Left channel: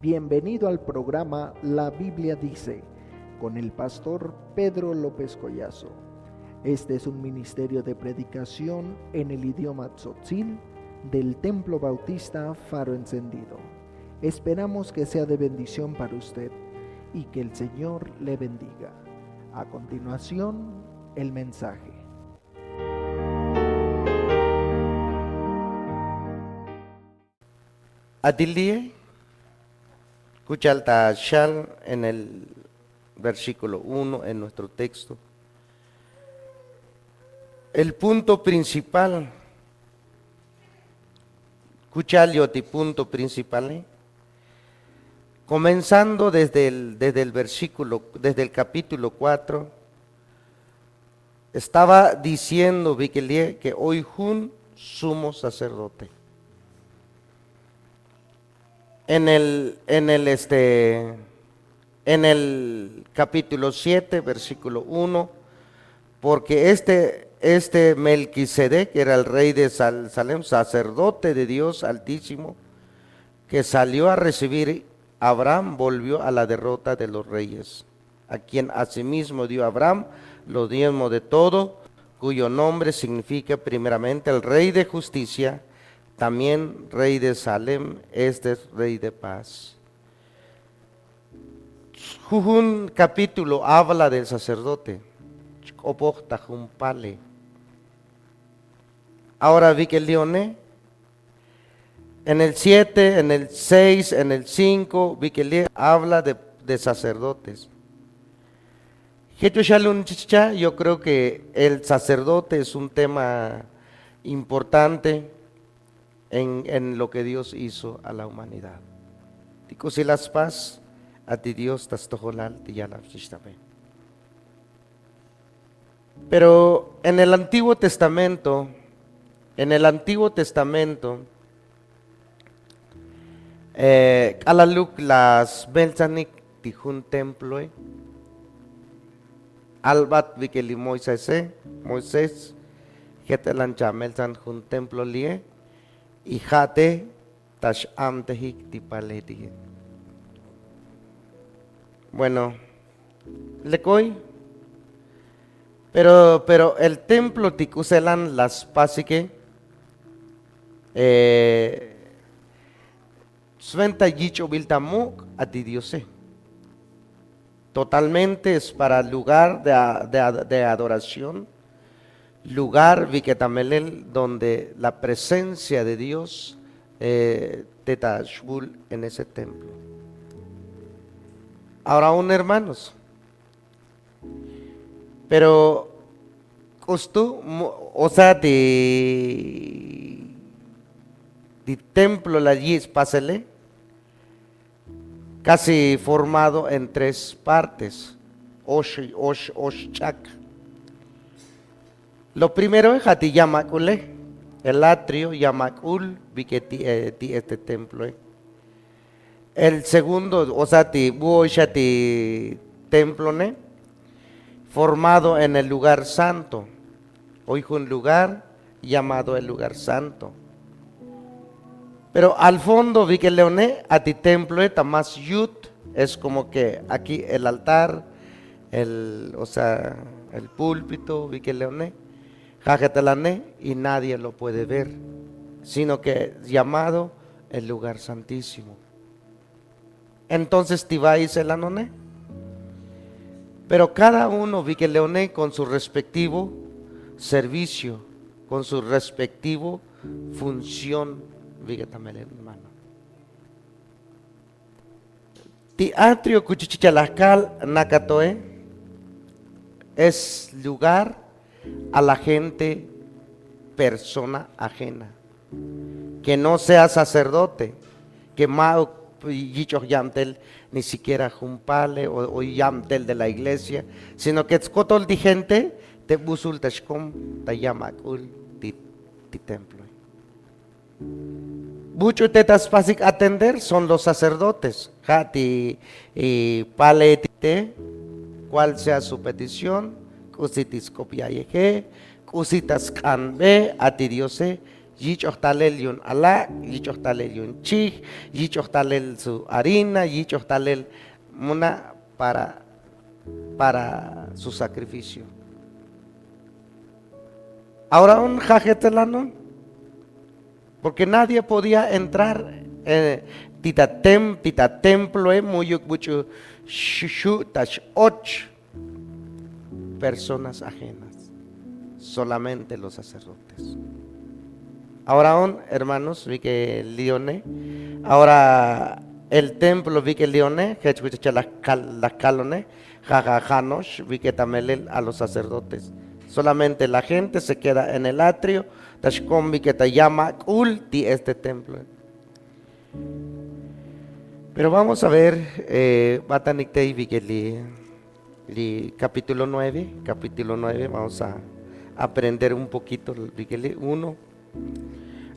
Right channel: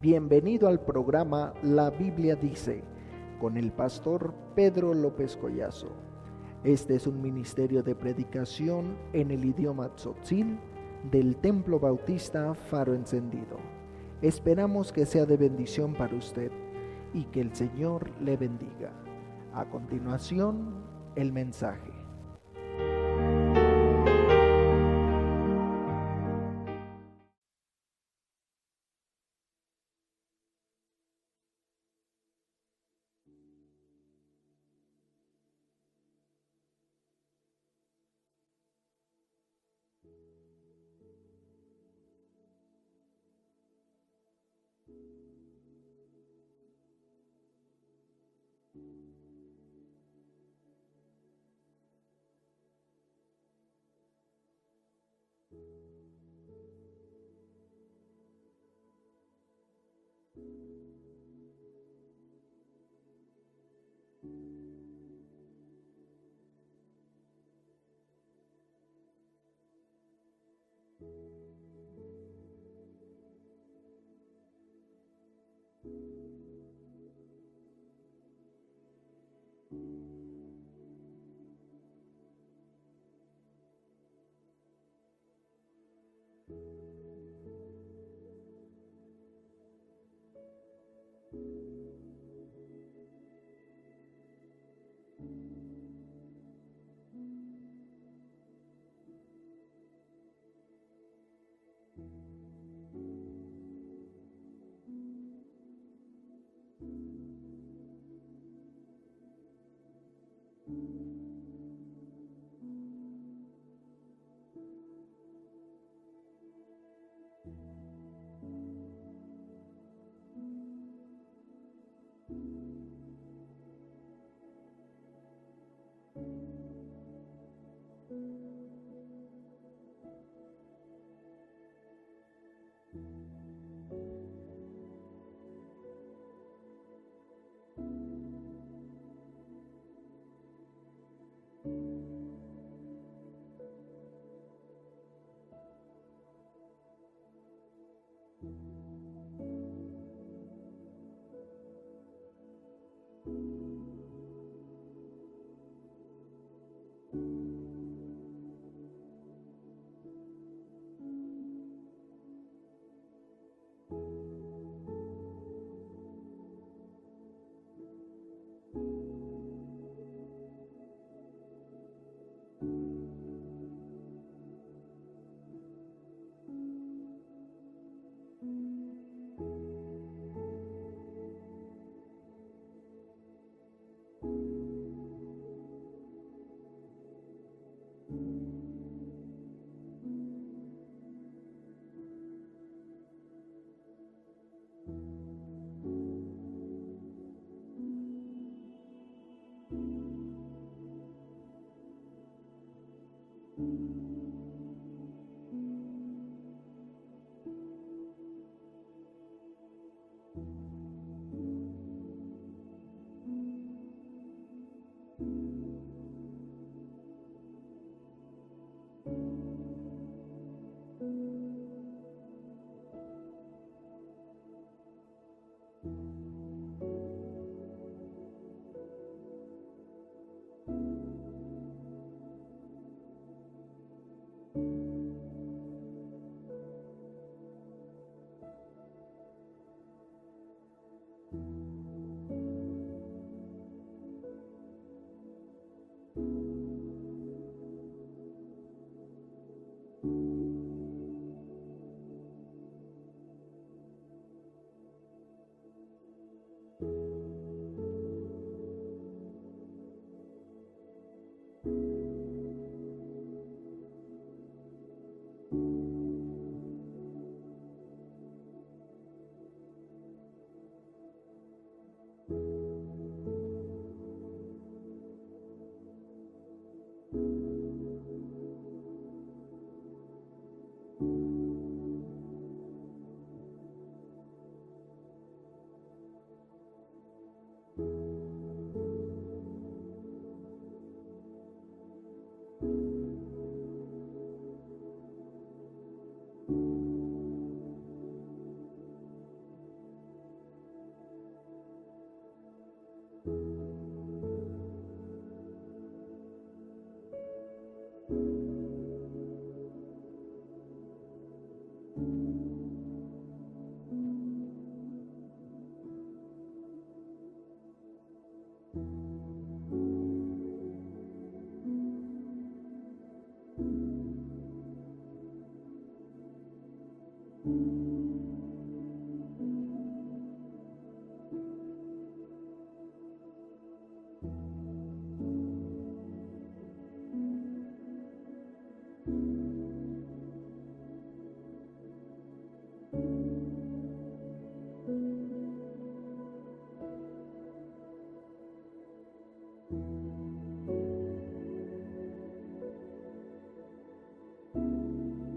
Bienvenido al programa La Biblia Dice, con el pastor Pedro López Collazo. Este es un ministerio de predicación en el idioma tzotzil del Templo Bautista Faro Encendido. Esperamos que sea de bendición para usted y que el Señor le bendiga. A continuación, el mensaje. Adilie, escucha shal en el versículo 1 en nuestro texto. El punto principal, escuchalio ti punto principal, comenzando desde el versículo, desde el capítulo 4, estaba diciendo Viquelie que hoy un sumo sacerdote. En el capítulo 7, versículo 1, porque este Melquisedec era el rey de Salem, sacerdote de Dios Altísimo, que salió a recibir a Abraham, volvió a la derrota de los reyes, a quien asimismo dio Abraham los diezmos de todo, cuyo nombre significa primeramente el rey de justicia, también rey de Salem, este es rey de paz. Un capítulo habla del sacerdote. Ahora vi que el leoné, en el 7, en el 6, en el 5, vi que el habla de sacerdotes. Yo creo que el sacerdote es un tema importante en lo que Dios hizo a la humanidad. Digo, si las paz a ti Dios pero en el Antiguo Testamento, alaluk las belzanik tijun templo, albat vikeli Moisés, jetelan chamelzan jun templo lie, y jate tash amtehik tipaleti. Bueno, lecoy, pero el templo ticuselan las pasique, sventa yicho viltamuk a ti diose. Totalmente es para lugar de adoración, lugar viketamelel donde la presencia de Dios tetashbul en ese templo. Ahora aún hermanos, pero costu, o sea, de templo la yis pásele, casi formado en tres partes, oshchak. Lo primero es Hati Yamakule, el atrio Yamakul, este templo. El segundo, o sea, ti templo, formado en el lugar santo. Hoy un lugar llamado el lugar santo. Pero al fondo vi que leoné a ti templo más yut, es como que aquí el altar, el púlpito, vi que leoné. Y nadie lo puede ver, sino que es llamado el lugar santísimo. Entonces Tibáis el anoné. Pero cada uno vi que leoné con su respectivo servicio, con su respectivo función, vi que también hermano. Teatro cuchichichalascal nakatoe es lugar a la gente, persona ajena, que no sea sacerdote, que más yamtel ni siquiera jumpale o yamtel de la iglesia, sino que es cotol de gente te busul tashkom te yamakul ti templo. Mucho tetas basic atender son los sacerdotes, jati y paletite, cuál sea su petición, kusitis kopiayeje, kusitas kanbe ati Diose, yichoktalel yun ala, yichoktalel yun chij, yichoktalel su harina, yichoktalel muna para su sacrificio. Ahora un jajetelano, porque nadie podía entrar tita templo muyuk buchu shushu tash 8 personas ajenas, solamente los sacerdotes. Ahora hermanos, vi que Lione, ahora el templo vi que Lione, que las calones, jajajanos, vi que también a los sacerdotes. Solamente la gente se queda en el atrio, tashkom vi que te llama ulti este templo. Pero vamos a ver, Bataniktei vi que capítulo 9, vamos a aprender un poquito, vi que 1.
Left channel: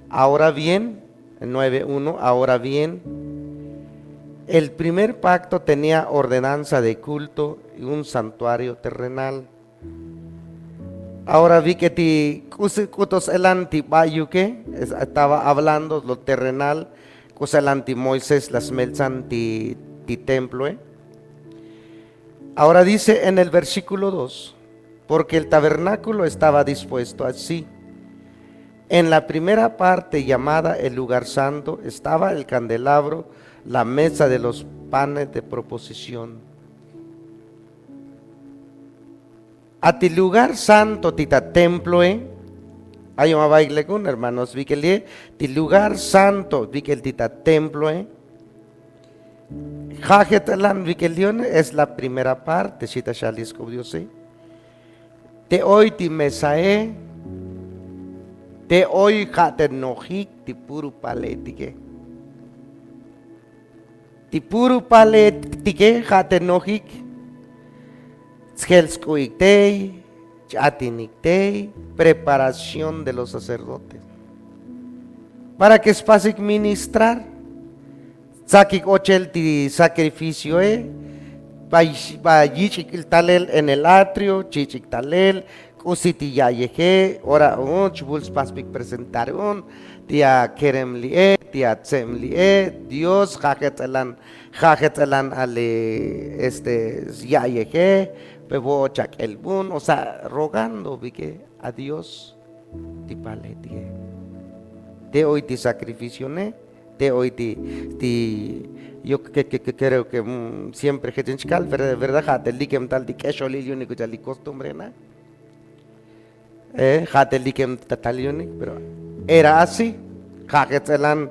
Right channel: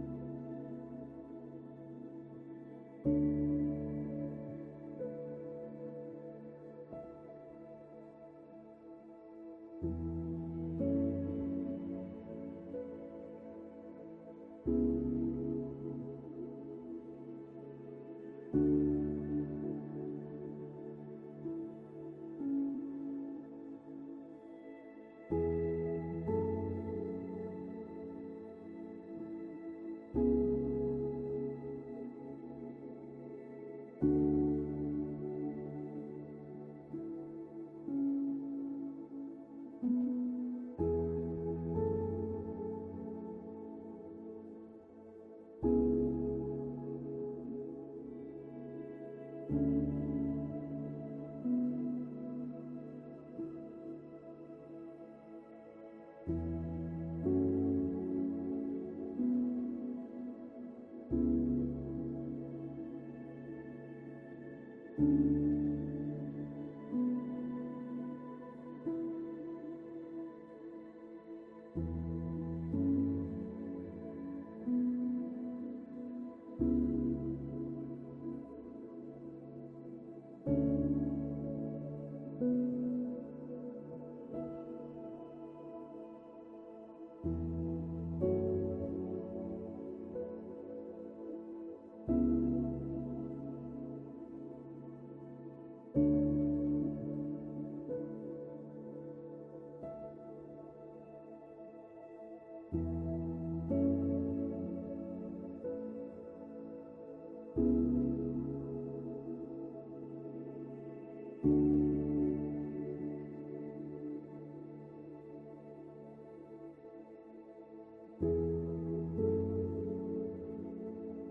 Ahora bien, 9:1, ahora bien, el primer pacto tenía ordenanza de culto y un santuario terrenal. Ahora vi que ti kutos el antibayuque estaba hablando lo terrenal, cosa el anti Moisés las melzan ti templo. Ahora dice en el versículo 2, porque el tabernáculo estaba dispuesto así. En la primera parte llamada el lugar santo estaba el candelabro, la mesa de los panes de proposición. A ti lugar santo tita templo, hay un bailegún, hermanos, vi que ti lugar santo, vi que el tita templo, Jajetalan vi que es la primera parte, chita shalisco Dios, te hoy ti mesae, te hoy jaten nojik ti puru paletike. Ti puru paletike jaten nojik. Tskelskoiktei, chatiniktei, preparación de los sacerdotes. Para que es fácil ministrar. Sakik ochel ti sacrificio, Bayichik talel en el atrio, chichik talel. Usiti ya yeje, ora chubuls paspik presentar tia kerem tia tsem Dios jajetzalan ale ya yeje, pebo chak el bun, o sea, rogando vi a Dios ti paletie. Te hoy ti sacrificione, te hoy yo que creo que siempre que tenchkal, verdad, jate likem tal di kesho lilio ni kuchali costumbre na. Pero era así, Jajetzelan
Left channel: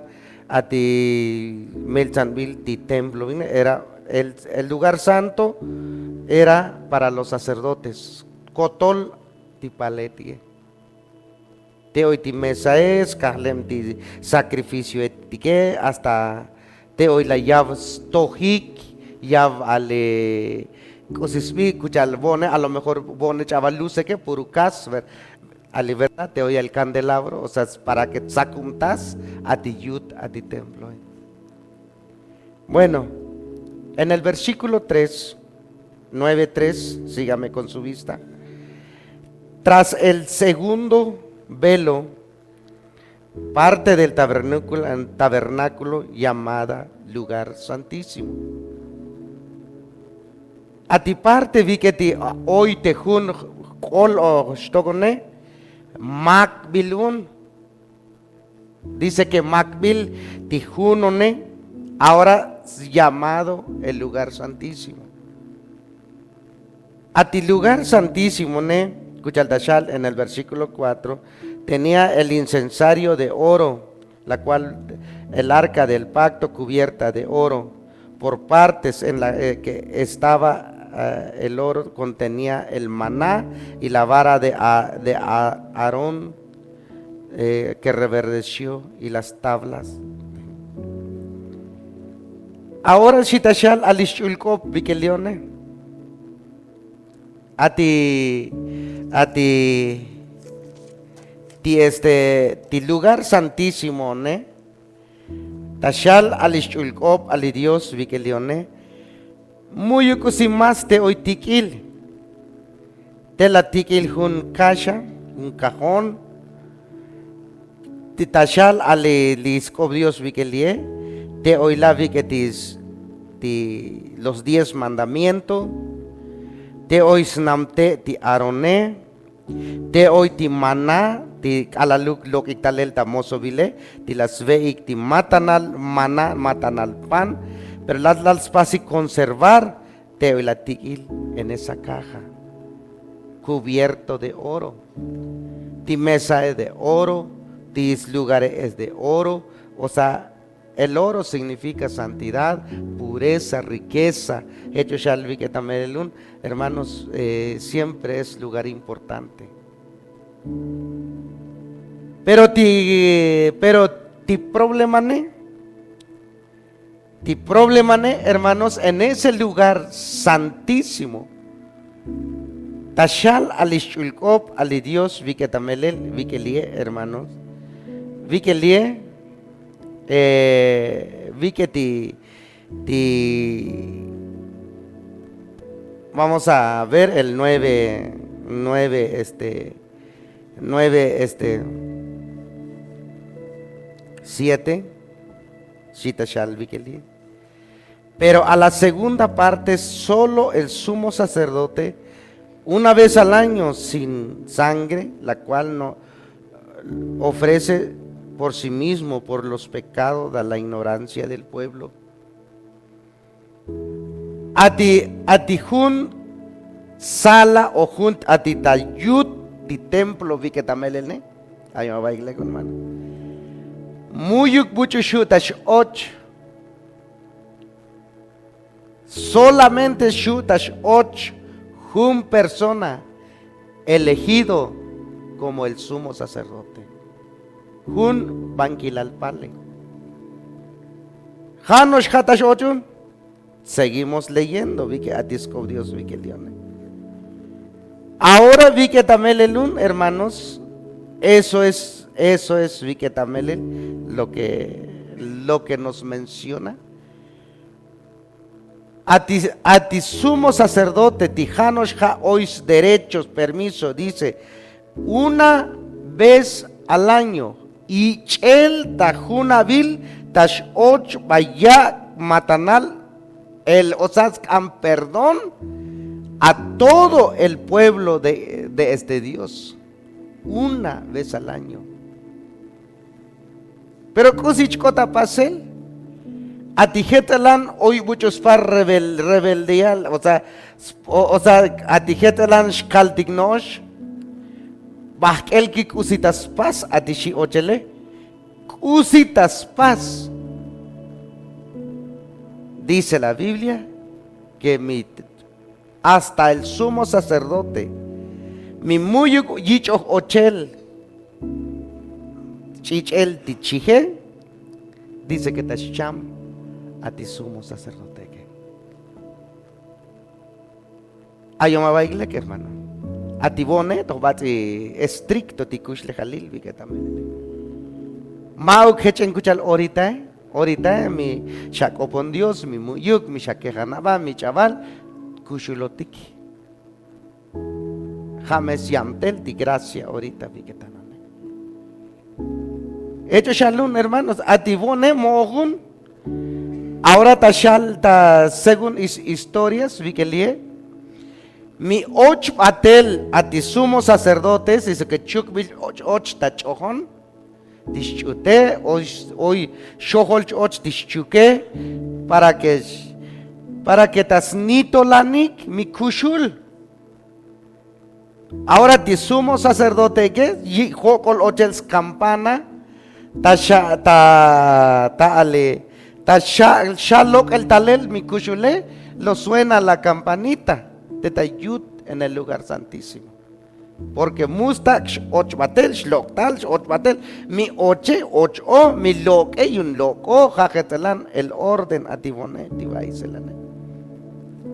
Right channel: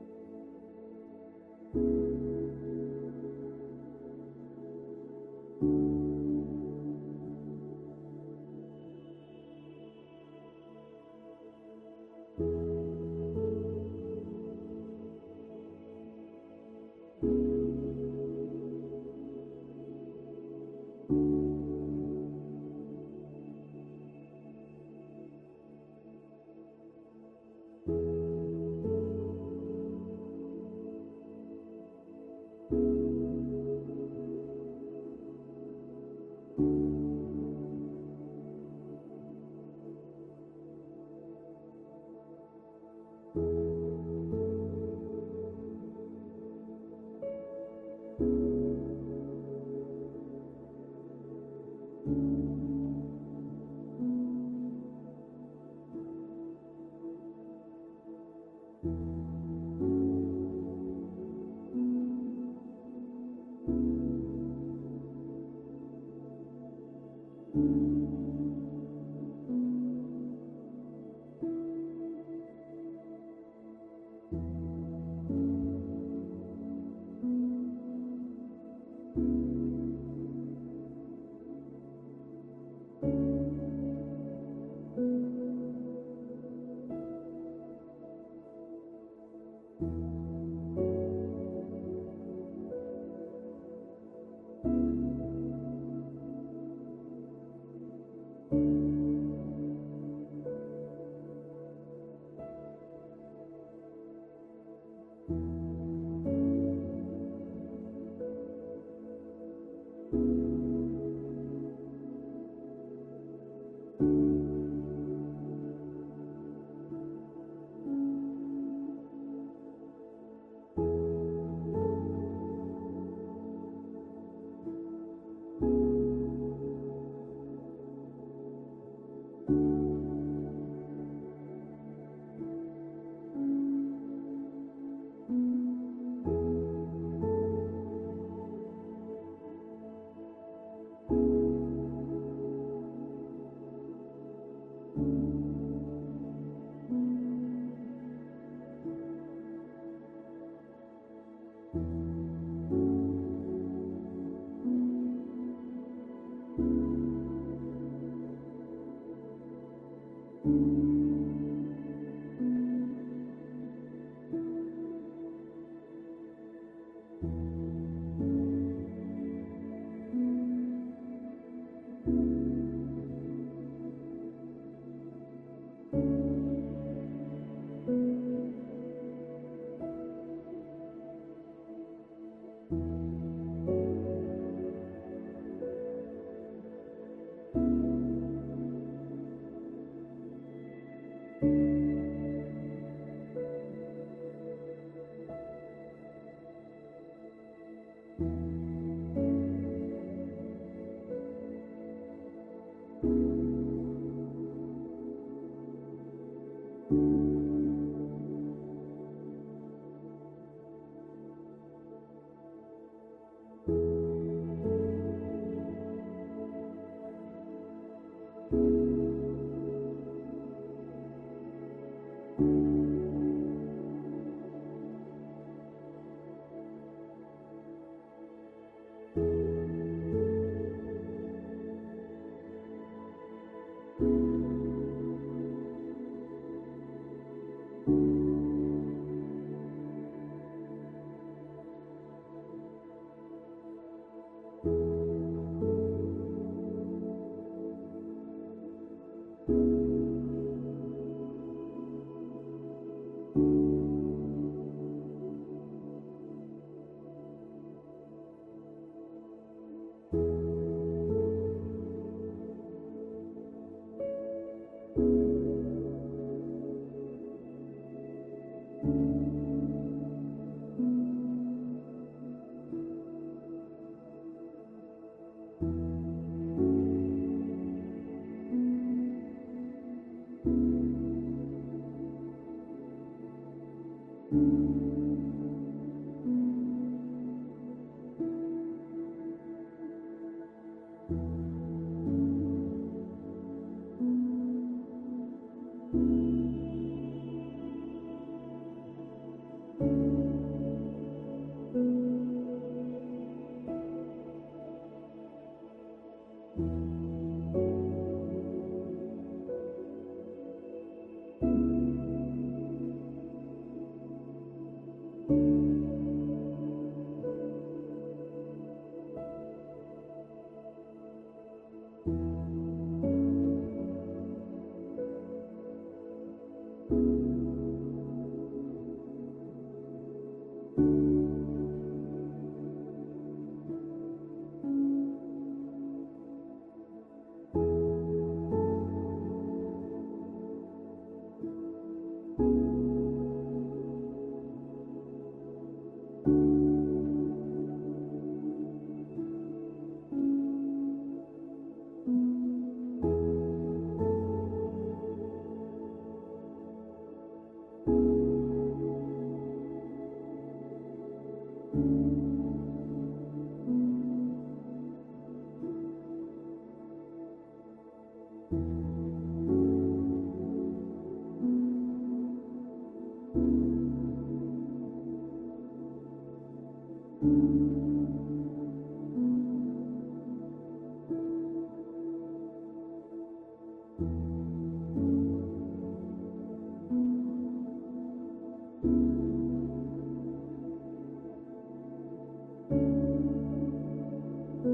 a ti Melchanville, ti templo, era el lugar santo, era para los sacerdotes, Cotol ti paletie, te hoy ti mesa es, Kahlem ti sacrificio etique, hasta te hoy la yav stojik, yav ale cosisbi, cuchal bone, a lo mejor bone chaval luce que purucas, a libertad te oye el candelabro, o sea, para que sacuntas a ti yud, a ti templo. Bueno, en el versículo 3, 9:3, sígame con su vista. Tras el segundo velo, parte del tabernáculo llamada lugar santísimo. A ti parte vi que ti hoy te jun kol o stogone Macbilun, dice que Macbil Tijunone, ahora llamado el lugar santísimo. A ti lugar santísimo, Kuchaldashal en el versículo 4, tenía el incensario de oro, la cual el arca del pacto cubierta de oro, por partes en la que estaba el oro contenía el maná y la vara de Aarón que reverdeció y las tablas. Ahora Shitashal alishulkop vikelione ti lugar santísimo, Tashal alishulkop ali Dios vikelione muy más te hoy tikil te la tikil un caja, un cajón, ti tashal ale liscobrios vikelie, te oila viketis los 10 mandamientos, te oisnamte ti aroné, te oy ti maná, ti alaluk lo que talel tamoso vile, ti las veik ti matanal maná, matanal pan, pero las pasi conservar, te oy la tikil en esa caja, cubierto de oro, ti mesa es de oro, tis lugares es de oro, o sea, el oro significa santidad, pureza, riqueza. Hecho Shalvi que también, hermanos, siempre es lugar importante. Pero ti problema hermanos, en ese lugar santísimo. Tashal alishulkop ali Dios vi que también vi que lie, hermanos, vi que lie. Vi que vamos a ver el 7, Shita Shal Vikeli. Pero a la segunda parte, solo el sumo sacerdote, una vez al año sin sangre, la cual no ofrece por sí mismo, por los pecados de la ignorancia del pueblo. Atijun sala o junt atitayut ti templo vi que tamelene. Ay, me va a ir con mano. Muyuk buchushutash och. Solamente shutash och jun persona elegido como el sumo sacerdote. Jun banquilalpale. Janosh hatash ochun. Seguimos leyendo, vi que atisco Dios vi que leone. Ahora vi que tamelelun, hermanos, eso es vi que tamelel lo que nos menciona. A ti sumo sacerdote, tijanosh ha ois derechos, permiso, dice, una vez al año. Y el tajunabil tash och vaya matanal el osascan perdón a todo el pueblo de este Dios una vez al año. Pero kusichkota pasel a tijetalan hoy muchos par rebeldía, o sea a tijetalan shkaltignosh el que kusitas paz a tishi ochele kusitas paz. Dice la Biblia que hasta el sumo sacerdote mi muy yicho ochel chichel tichije dice que tasham a ti sumo sacerdote que ayoma baile que hermano a ti bone to bati estricto tikush le jalil vi que también mau kechen kuchal ahorita mi shakopon Dios mi muyuk mi shakejanaba mi chaval kushulotiki james yamtel ti gracia ahorita vi que también hecho shalom hermanos a ti bone mohun ahora tashal ta según historias vi que lie mi och batel a ti sumo sacerdotes dice que chukbil och tachojon dischute hoy shohol och dischuke para que tasnito lanik mi kushul ahora ti sumo sacerdote que jokol ochels campana ta shalok el talel mi kushule lo suena la campanita de tayut en el lugar santísimo. Porque mustak och batel shloktal och batel mi oche ocho mi loke y un loco jajetelan el orden atibone tibaiselane.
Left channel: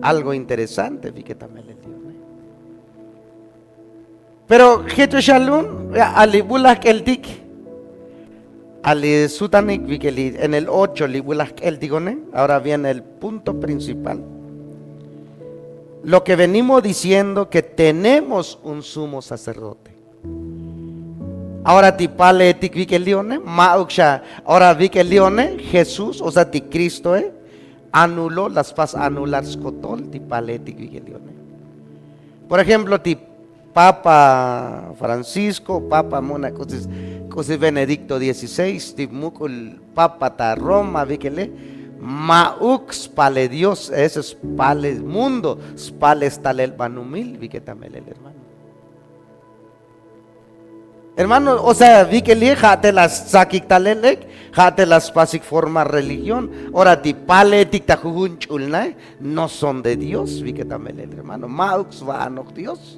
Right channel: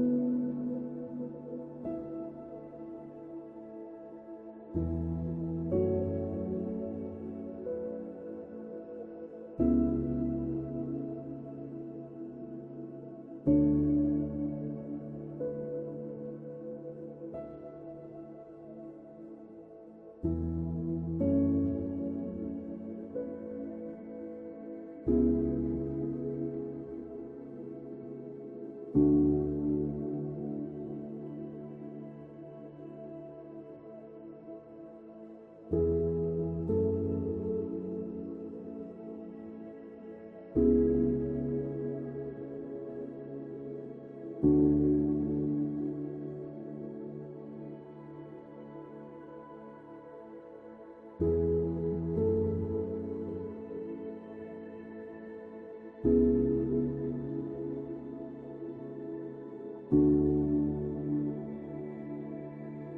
Algo interesante vi que también le dio. Pero jeto shalom alibulak el dik ali sutanik vi que en el 8 libulak el digone. Ahora viene el punto principal. lo que venimos diciendo, que tenemos un sumo sacerdote. Ahora ti pale ti vikelione, mauksha, ahora vikelione, Jesús, o sea, ti Cristo, anuló las pas anular skotol, ti pale ti vikelione. Por ejemplo, ti Papa Francisco, Papa Mona, così Benedicto XVI, ti mukul Papa ta Roma, vikele, Maux pale Dios, ese es pale mundo, pale tal el banumil, viketamel el hermano. Hermano, o sea, vi que le jate las sakik talelek, jate las basic forma religión, ahora ti pale tikta jujun chulna, no son de Dios, vi que también el hermano, Maux va a no Dios,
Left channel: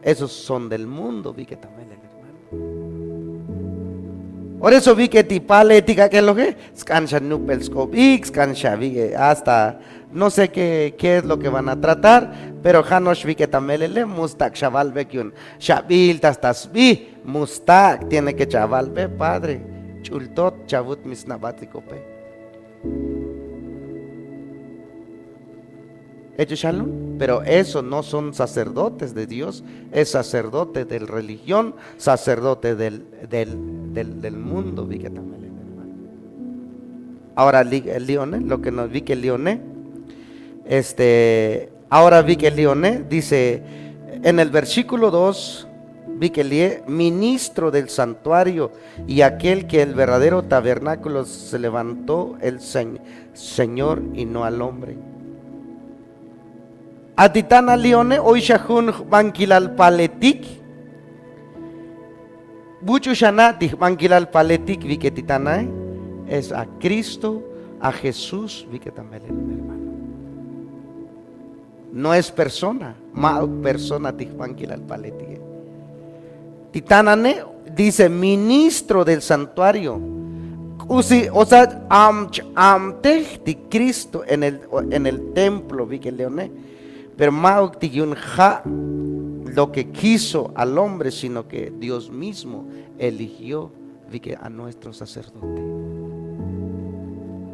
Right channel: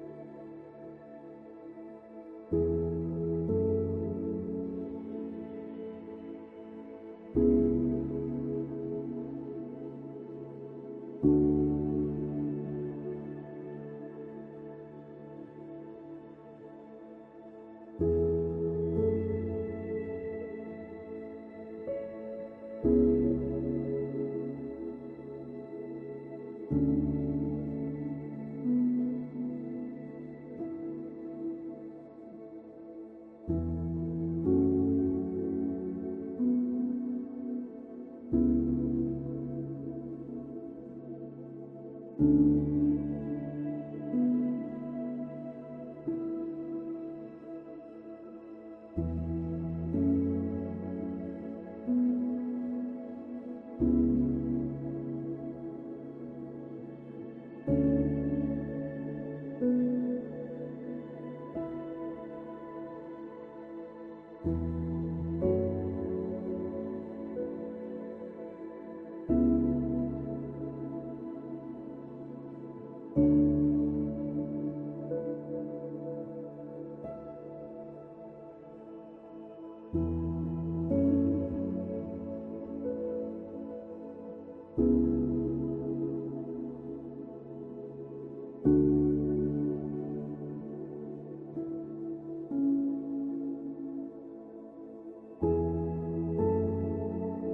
esos son del mundo, vi que también el hermano. Por eso vi que ti pale tika que lo que, scansha nupelskop, scansha vi que hasta no sé qué es lo que van a tratar, pero Janosh vi que tamelele mustak chaval ve que un shabil tastas vi mustak tiene que chaval ve padre chultot chavut misnabatiko pe. Hecho shalom, pero eso no son sacerdotes de Dios, es sacerdote de religión, sacerdote del mundo, vi que tamelele. Ahora el Lione, lo que nos vi que el Lione, ahora vi que el Lione dice en el versículo 2, vi que el ministro del santuario y aquel que el verdadero tabernáculo se levantó el Señor y no al hombre. Atitana Lione hoy shahun bankilal paletik buchu shanati bankilal paletik vi que titana es a Cristo, a Jesús vi que también hermano. No es persona, persona tijbanquilal paletik. Titanane dice ministro del santuario. O sea, de Cristo en el templo, vi que leone. Pero Mauk tigyun ja lo que quiso al hombre, sino que Dios mismo eligió, vi que a nuestro sacerdote.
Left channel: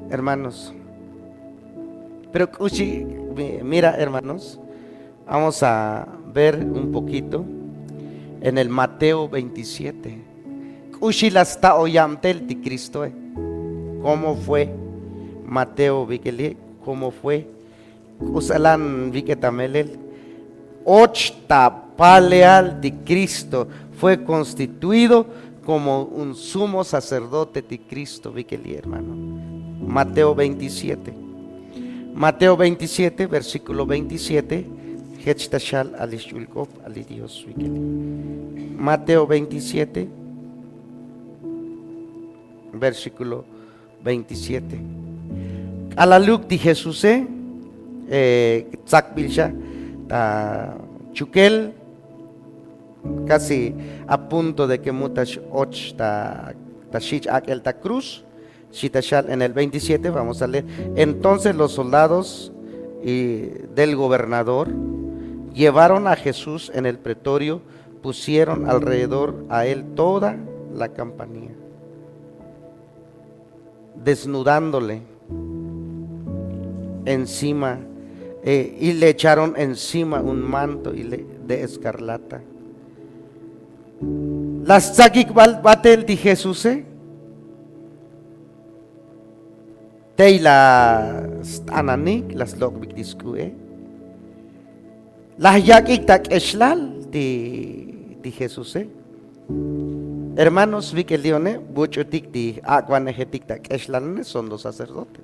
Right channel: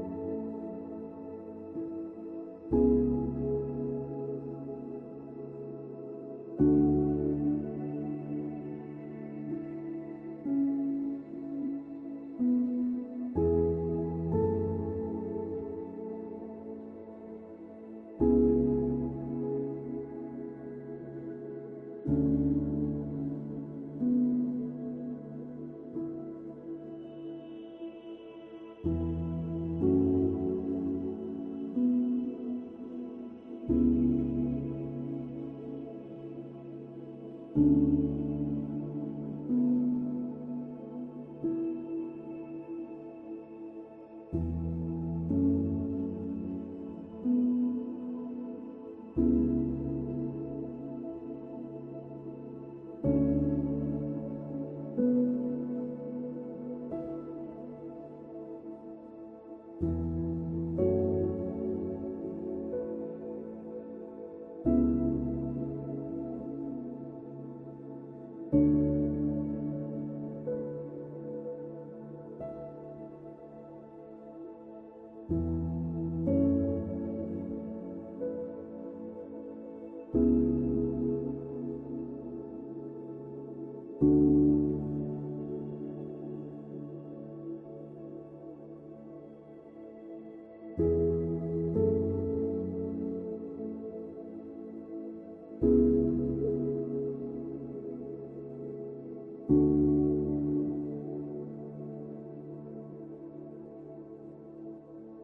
Hermanos, pero mira, hermanos, vamos a ver un poquito en el Mateo 27. Kushilasta oyamtel ti Cristo, ¿cómo fue? Mateo Vikeli, ¿cómo fue? Kusalan Viketamelel, ochta paleal ti Cristo fue constituido como un sumo sacerdote ti Cristo, Vikeli, hermano. Mateo 27. Mateo 27, versículo 27. Mateo 27, versículo 27. A la luz de Jesús, Tzakbilsha, Chukel, casi a punto de que mutash och tashich aquel ta cruz. En el 27 vamos a leer. Entonces los soldados del gobernador llevaron a Jesús en el pretorio, pusieron alrededor a él toda la campanilla, desnudándole encima y le echaron encima un manto de escarlata. Las tzakik batel de Jesús, las ananik, las lokbik diskue, las yakik tak eshlal de Jesús. Hermanos, vi que leone, buchotik di aquanejetik tak eshlal son los sacerdotes.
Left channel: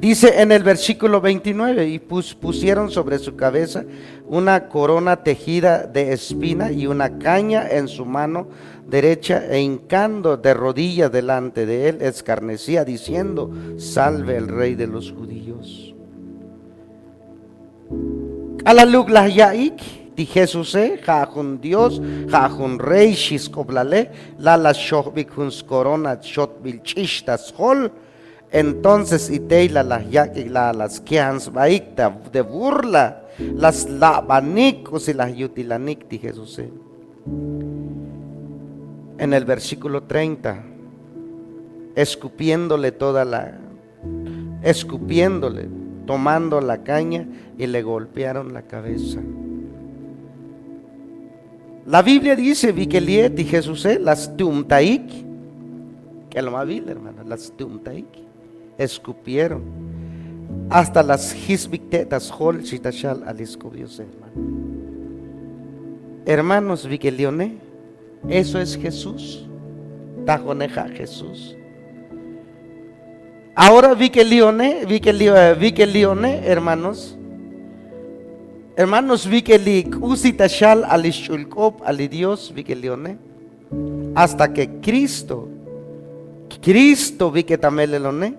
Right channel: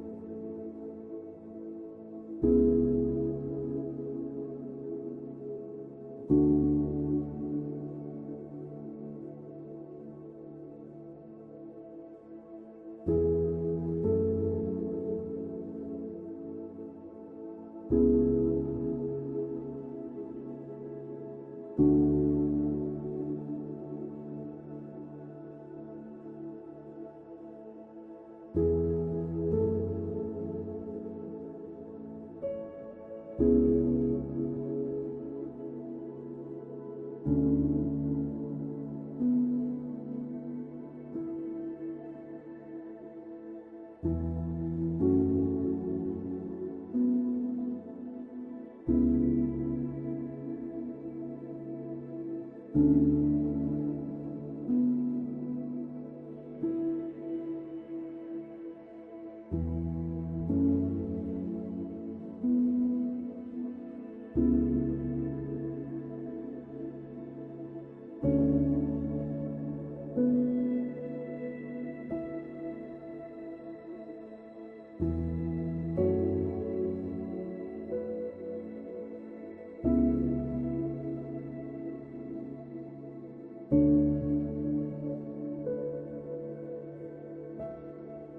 Dice en el versículo 29, y pusieron sobre su cabeza una corona tejida de espina y una caña en su mano derecha, e hincando de rodillas delante de él, escarnecía diciendo: salve el rey de los judíos. Alaluk la yaik di Jesús, jajun Dios, jajun rey, shiskoblale, la shohbik huns corona, shot bilchishtas hol. Entonces iteila las yaik las kians baikta de burla, las labanicos y las yutilanik di Jesús. En el versículo 30, escupiéndole escupiéndole, tomando la caña y le golpearon la cabeza. La Biblia dice, Vikeliet y Jesús, las tumtaik, que es lo más vil, hermano, las tumtaik, escupieron, hasta las hisbictetas, hol, chitashal, aliscobiose, hermano. Hermanos, Vikelione, eso es Jesús, tajoneja Jesús. Ahora Vikelione, hermanos, Vikeli usitashal alishulkop alidios Vikelione, hasta que Cristo Viketamelelone,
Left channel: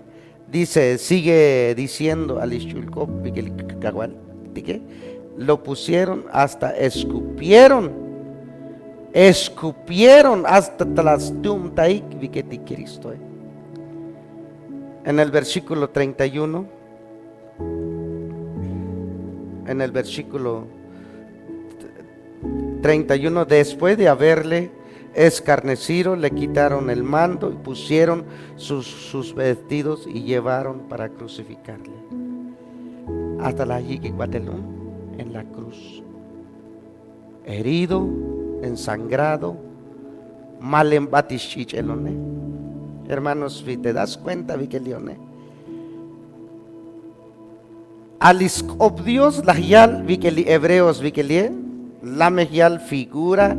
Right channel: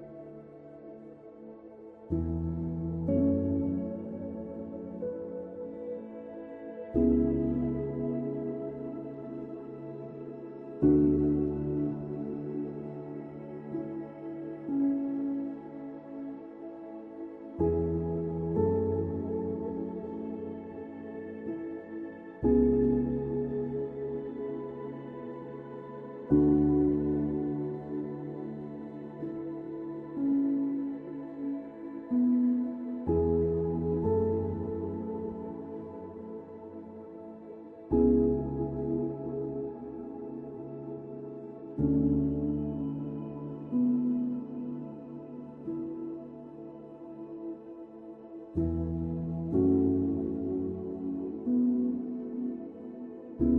dice, sigue diciendo alishulkop Vikeli kagual, lo pusieron hasta escupieron hasta tlastum taik Viketi Cristo. En el versículo 31, después de haberle escarnecido, le quitaron el mando y pusieron sus vestidos y llevaron para crucificarle hasta la Yiquicuatelún, en la cruz, herido, ensangrado, mal embatishichelone. Hermanos, ¿te das cuenta, Vikelione? Aliskop Dios, la hial, Vikeli, hebreos, Vikelie, la mehial figura,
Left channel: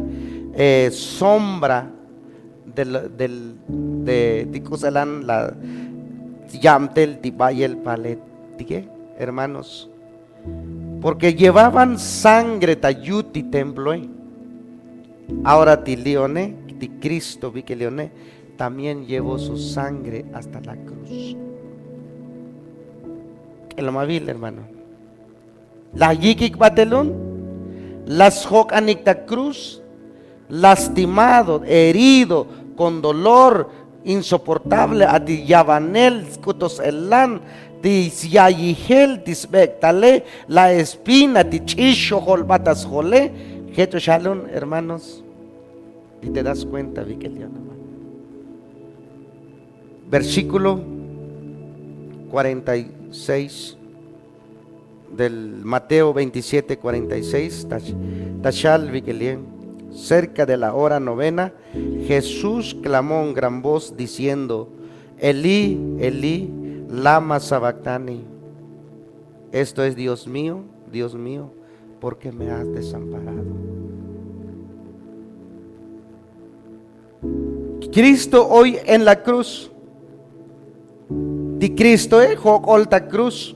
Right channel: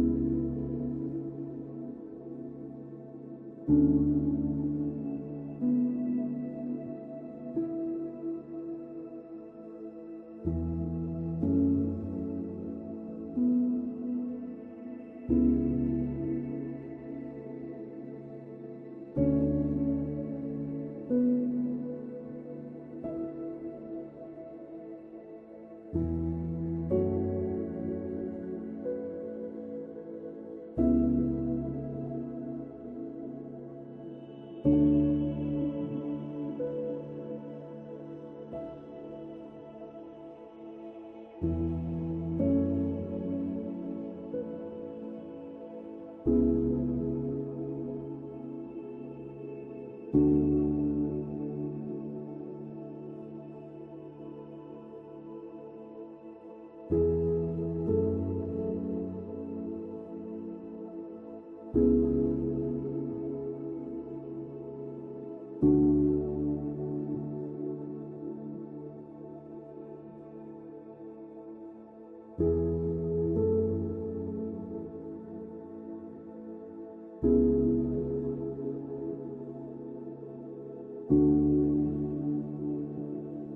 sombra de Ticosalán, la Yamtel, Tibayel, Palet, hermanos, porque llevaban sangre, tayuti, temploe. Ahora, Tilione, ti Cristo, Vikelione, también llevó su sangre hasta la cruz. Que lo más vil, hermano. La yikik batelón, las jocanicta cruz, lastimado, herido, con dolor insoportable, a ti yavanel, scutos elan, ti yayigel, ti spectale, la espina, ti chisho, holbatas jole, jeto shalom, hermanos, y te das cuenta, Vikeliano. Versículo 46 del Mateo 27, 46, Tashal Vikelien. Cerca de la hora novena, Jesús clamó en gran voz diciendo, Elí, Elí, lama sabactani. Esto es, Dios mío, ¿por qué me has desamparado? Cristo hoy en la cruz, di Cristo jocolta cruz,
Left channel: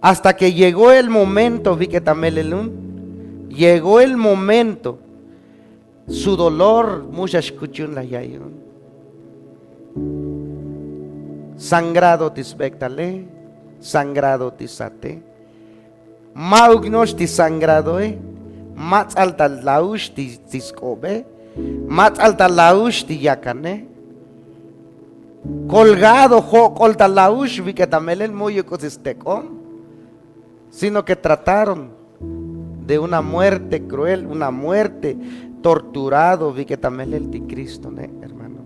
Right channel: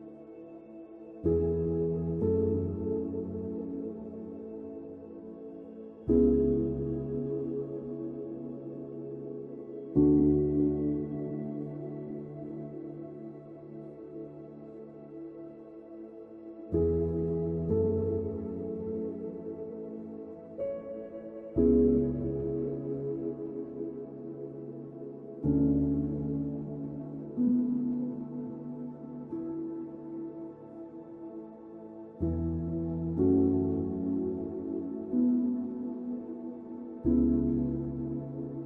hasta que llegó el momento, Viketamelelun, llegó el momento, su dolor, muchas kuchun la yayun, sangrado tisbectale, sangrado tisate, maugnos tisangrado, más alta laush tiscobe, más alta laush tiyacane, colgado jocolta laush Viketamelel muy ecosistecom, sino que trataron de una muerte cruel, una muerte torturado, Viketamelel ti Cristo, hermano.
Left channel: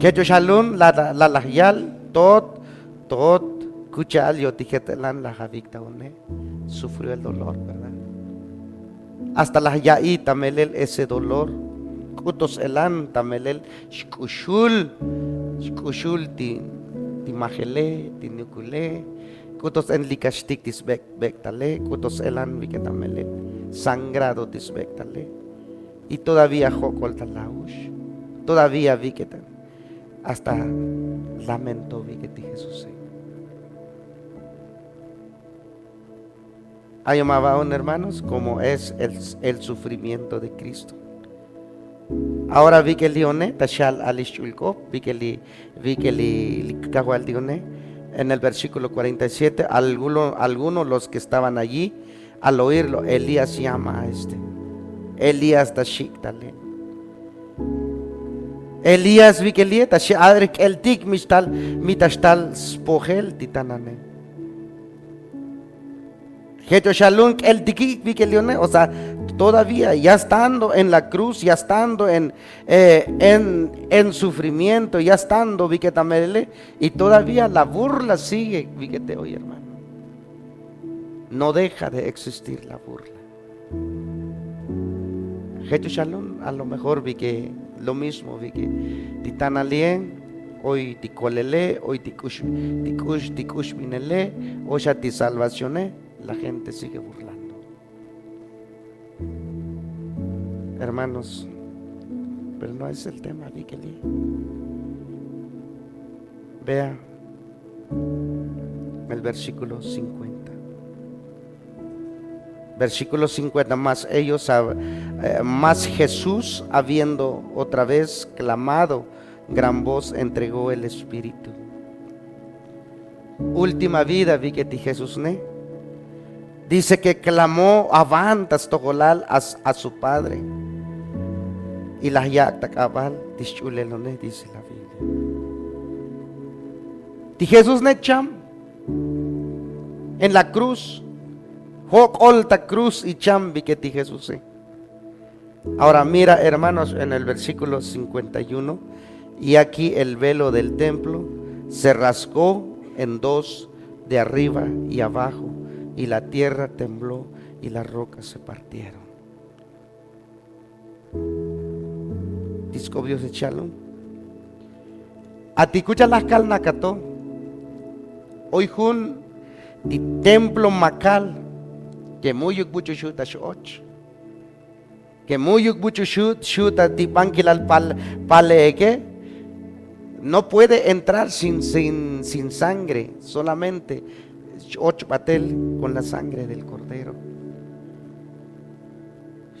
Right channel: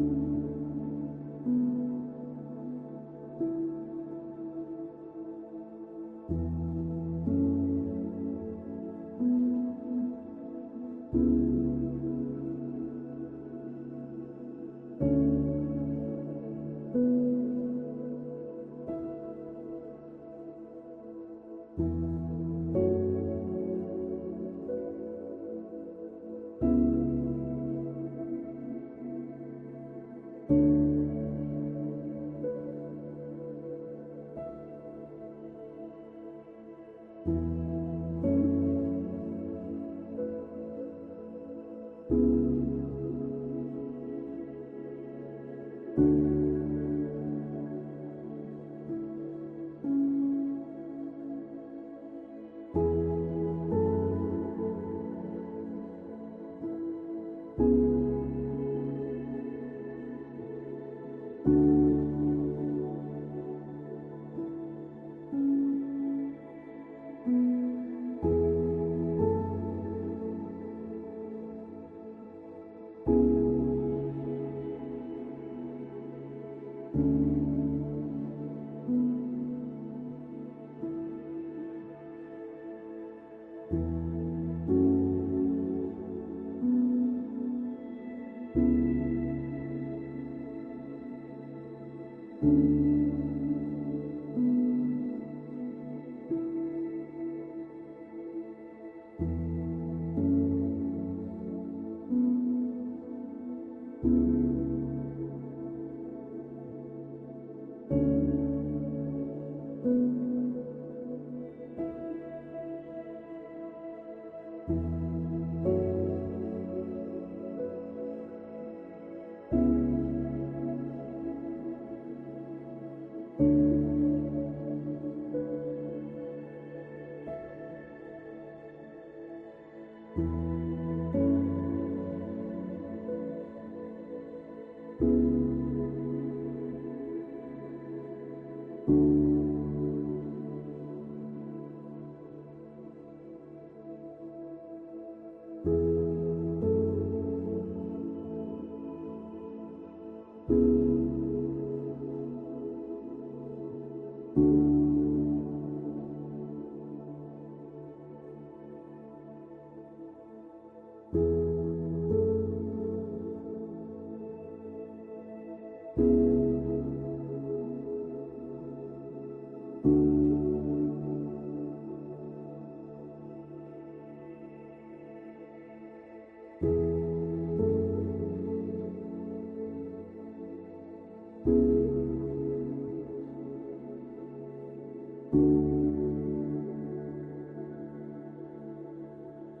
Que yo shalom la lahyal tot kuchal yo tijetelan la javicta one, sufrió el dolor, ¿verdad? Hasta la yaí tamelel ese dolor, kutos elan tamelel shkushul ti majele, ti nukule, kutos en likashtik tisbectale, kutos elan Viketamelel, sangrado tisbectale, y todavía jocolta laush, todavía Viketan, hasta lamentó Viketi Jesús. Hay amaban, hermanos, como es el sufrimiento de Cristo. Ahora Vikelione, Tashal Alishulko, Vikeli Kahualdione, en el versículo 47, algunos los que estaban allí, al oírlo, Elías llama a Elías Tashiktale. Elías Vikelieta, Adrik el Tik Mitashtal Spogel Titanane. Hecho Shalom el Tik Vikelione, o sea, todavía, ya estando en la cruz, ya estando en sufrimiento, ya estando, vi que también, y todavía la burla sigue, vi que te oye, hermano. No deja de existir la burla. Hecho Shalom, a lo mejor vi que lo mismo, vi que titan alien, hoy ti colele, hoy ti kush minele, hoy ya ti salvacioné, la gente sigue burlando. Hermanos, pero no es el tema, vi que vea el versículo 50. Versículo 50, más Jesús, habiendo otra vez clamado gran voz, entregó el Espíritu. Última vida, vi que ti Jesús ne. Dice que clamó avantas togolal a su Padre. Y la yacta cabal, dice la Biblia. Ti Jesús ne cham en la cruz. Hoc olta cruz y chambi que ti Jesús. Ahora mira, hermanos, en el versículo 51, y aquí el velo del templo se rasgó en dos, de arriba y abajo, y la tierra tembló y las rocas se partieron. Discobios de Shalom. A ti escucha las calnacato. Hoy jun di templo macal. Que muy mucho shuta shoch, que muy mucho shuta tipanquilal paleque, no puede entrar sin sangre, solamente 8 batel con la sangre del cordero.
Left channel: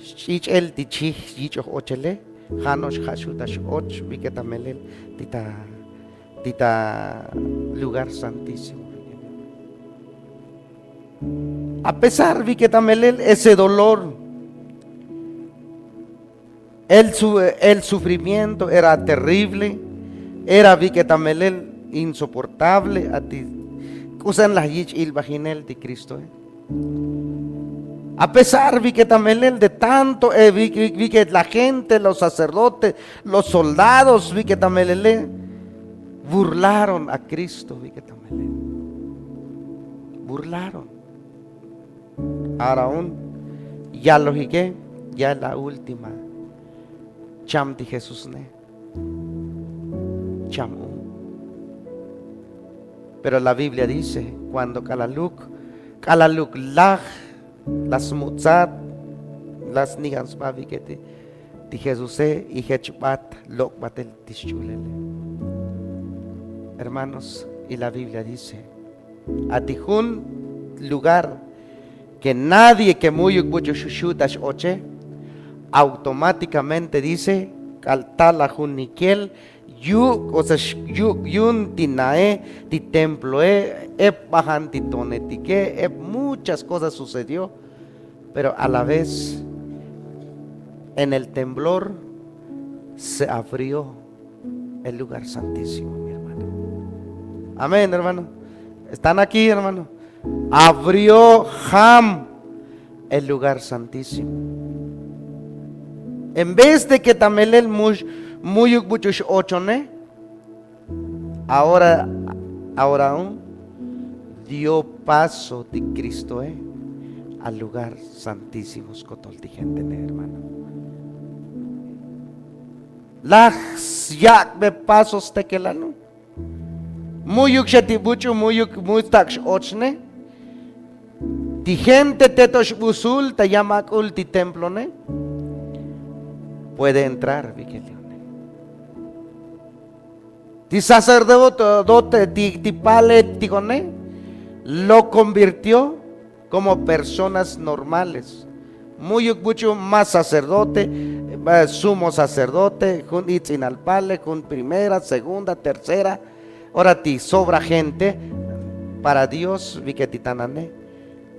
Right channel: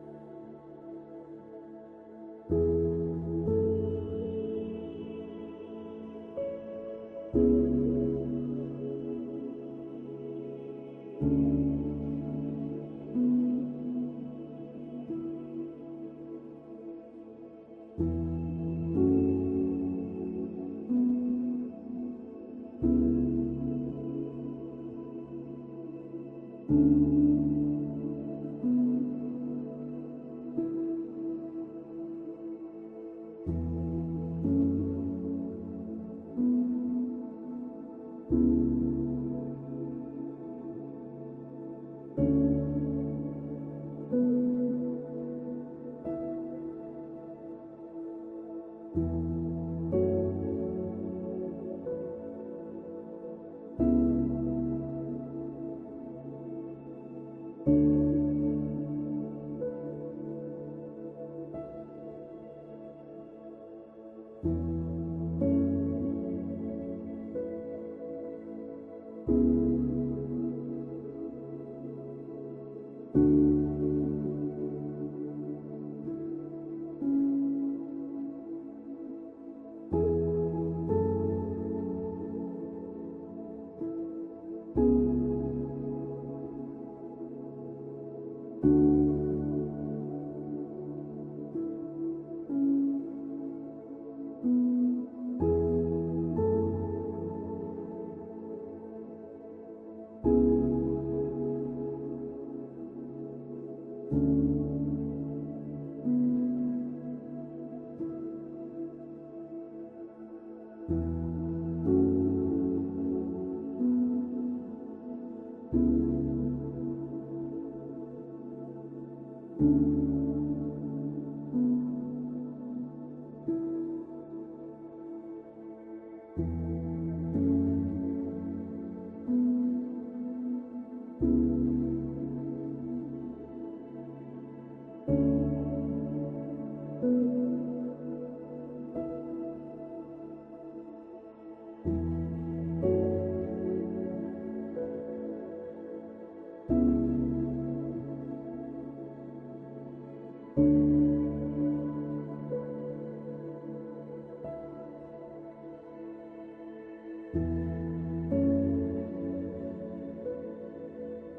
Chich el tichi chicho ochele, hanos hashuta shoch, viketamelel tita lugar santísimo. A pesar vi que también ese dolor, el sufrimiento era terrible, era vi que también insoportable. A ti usan la yich il vaginel de Cristo. A pesar vi que también de tanto vi que la gente, los sacerdotes, los soldados vi que también burlaron a Cristo, vi que también burlaron. Ahora aún, ya lo dije, ya la última. Cham de Jesús ne. Cham. Pero la Biblia dice, cuando kalaluk lag, las mutzat, las nigans babi que ti Jesús y hechbat lok batel tischulele. Hermanos, y la Biblia dice, a tijun lugar que nadie que muy mucho shushutas oche, automáticamente dice caltala juniquiel yun tinae ti templo bajan titonetique muchas cosas sucedió, pero a la vez en el temblor se abrió el lugar santísimo, mi hermano. Amén, hermano. ¿Están aquí, hermano? Abrió Ham el lugar santísimo. En vez de que también el muchos ochone, ahora aún dio paso de Cristo al lugar santísimo, gente, hermano. Las yak de pasos te que la no. Muyuk shatibucho muyuk taksh ochne. Ti gente tetosh busul te llama ulti templo ne. Puede entrar, Vigilione. Ti sacerdote ti pale tigone lo convirtió como personas normales. Muyuk mucho más sacerdote, sumo sacerdote, con itzinalpale, con primera, segunda, tercera. Ahora ti sobra gente para Dios, vi que titanane,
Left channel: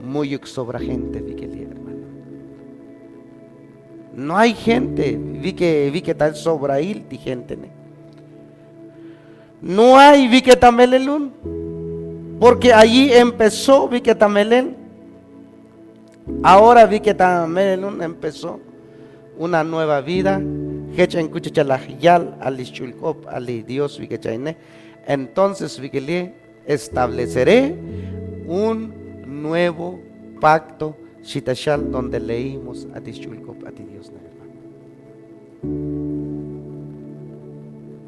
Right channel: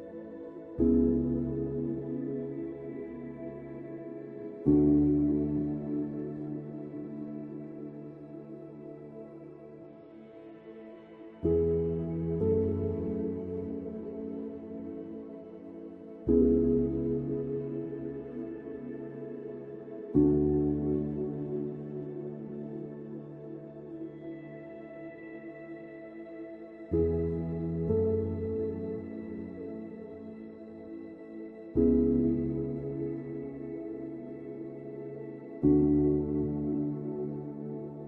muy sobra gente, vi que hermano. No hay gente, vi que tal sobra ahí, ti gente. No hay, vi que tamelelun, porque allí empezó, vi que tamelen, Ahora vi que también empezó una nueva vida. Dios vi que chaine. Entonces vi que le estableceré un nuevo pacto shitashal donde leímos a Dios.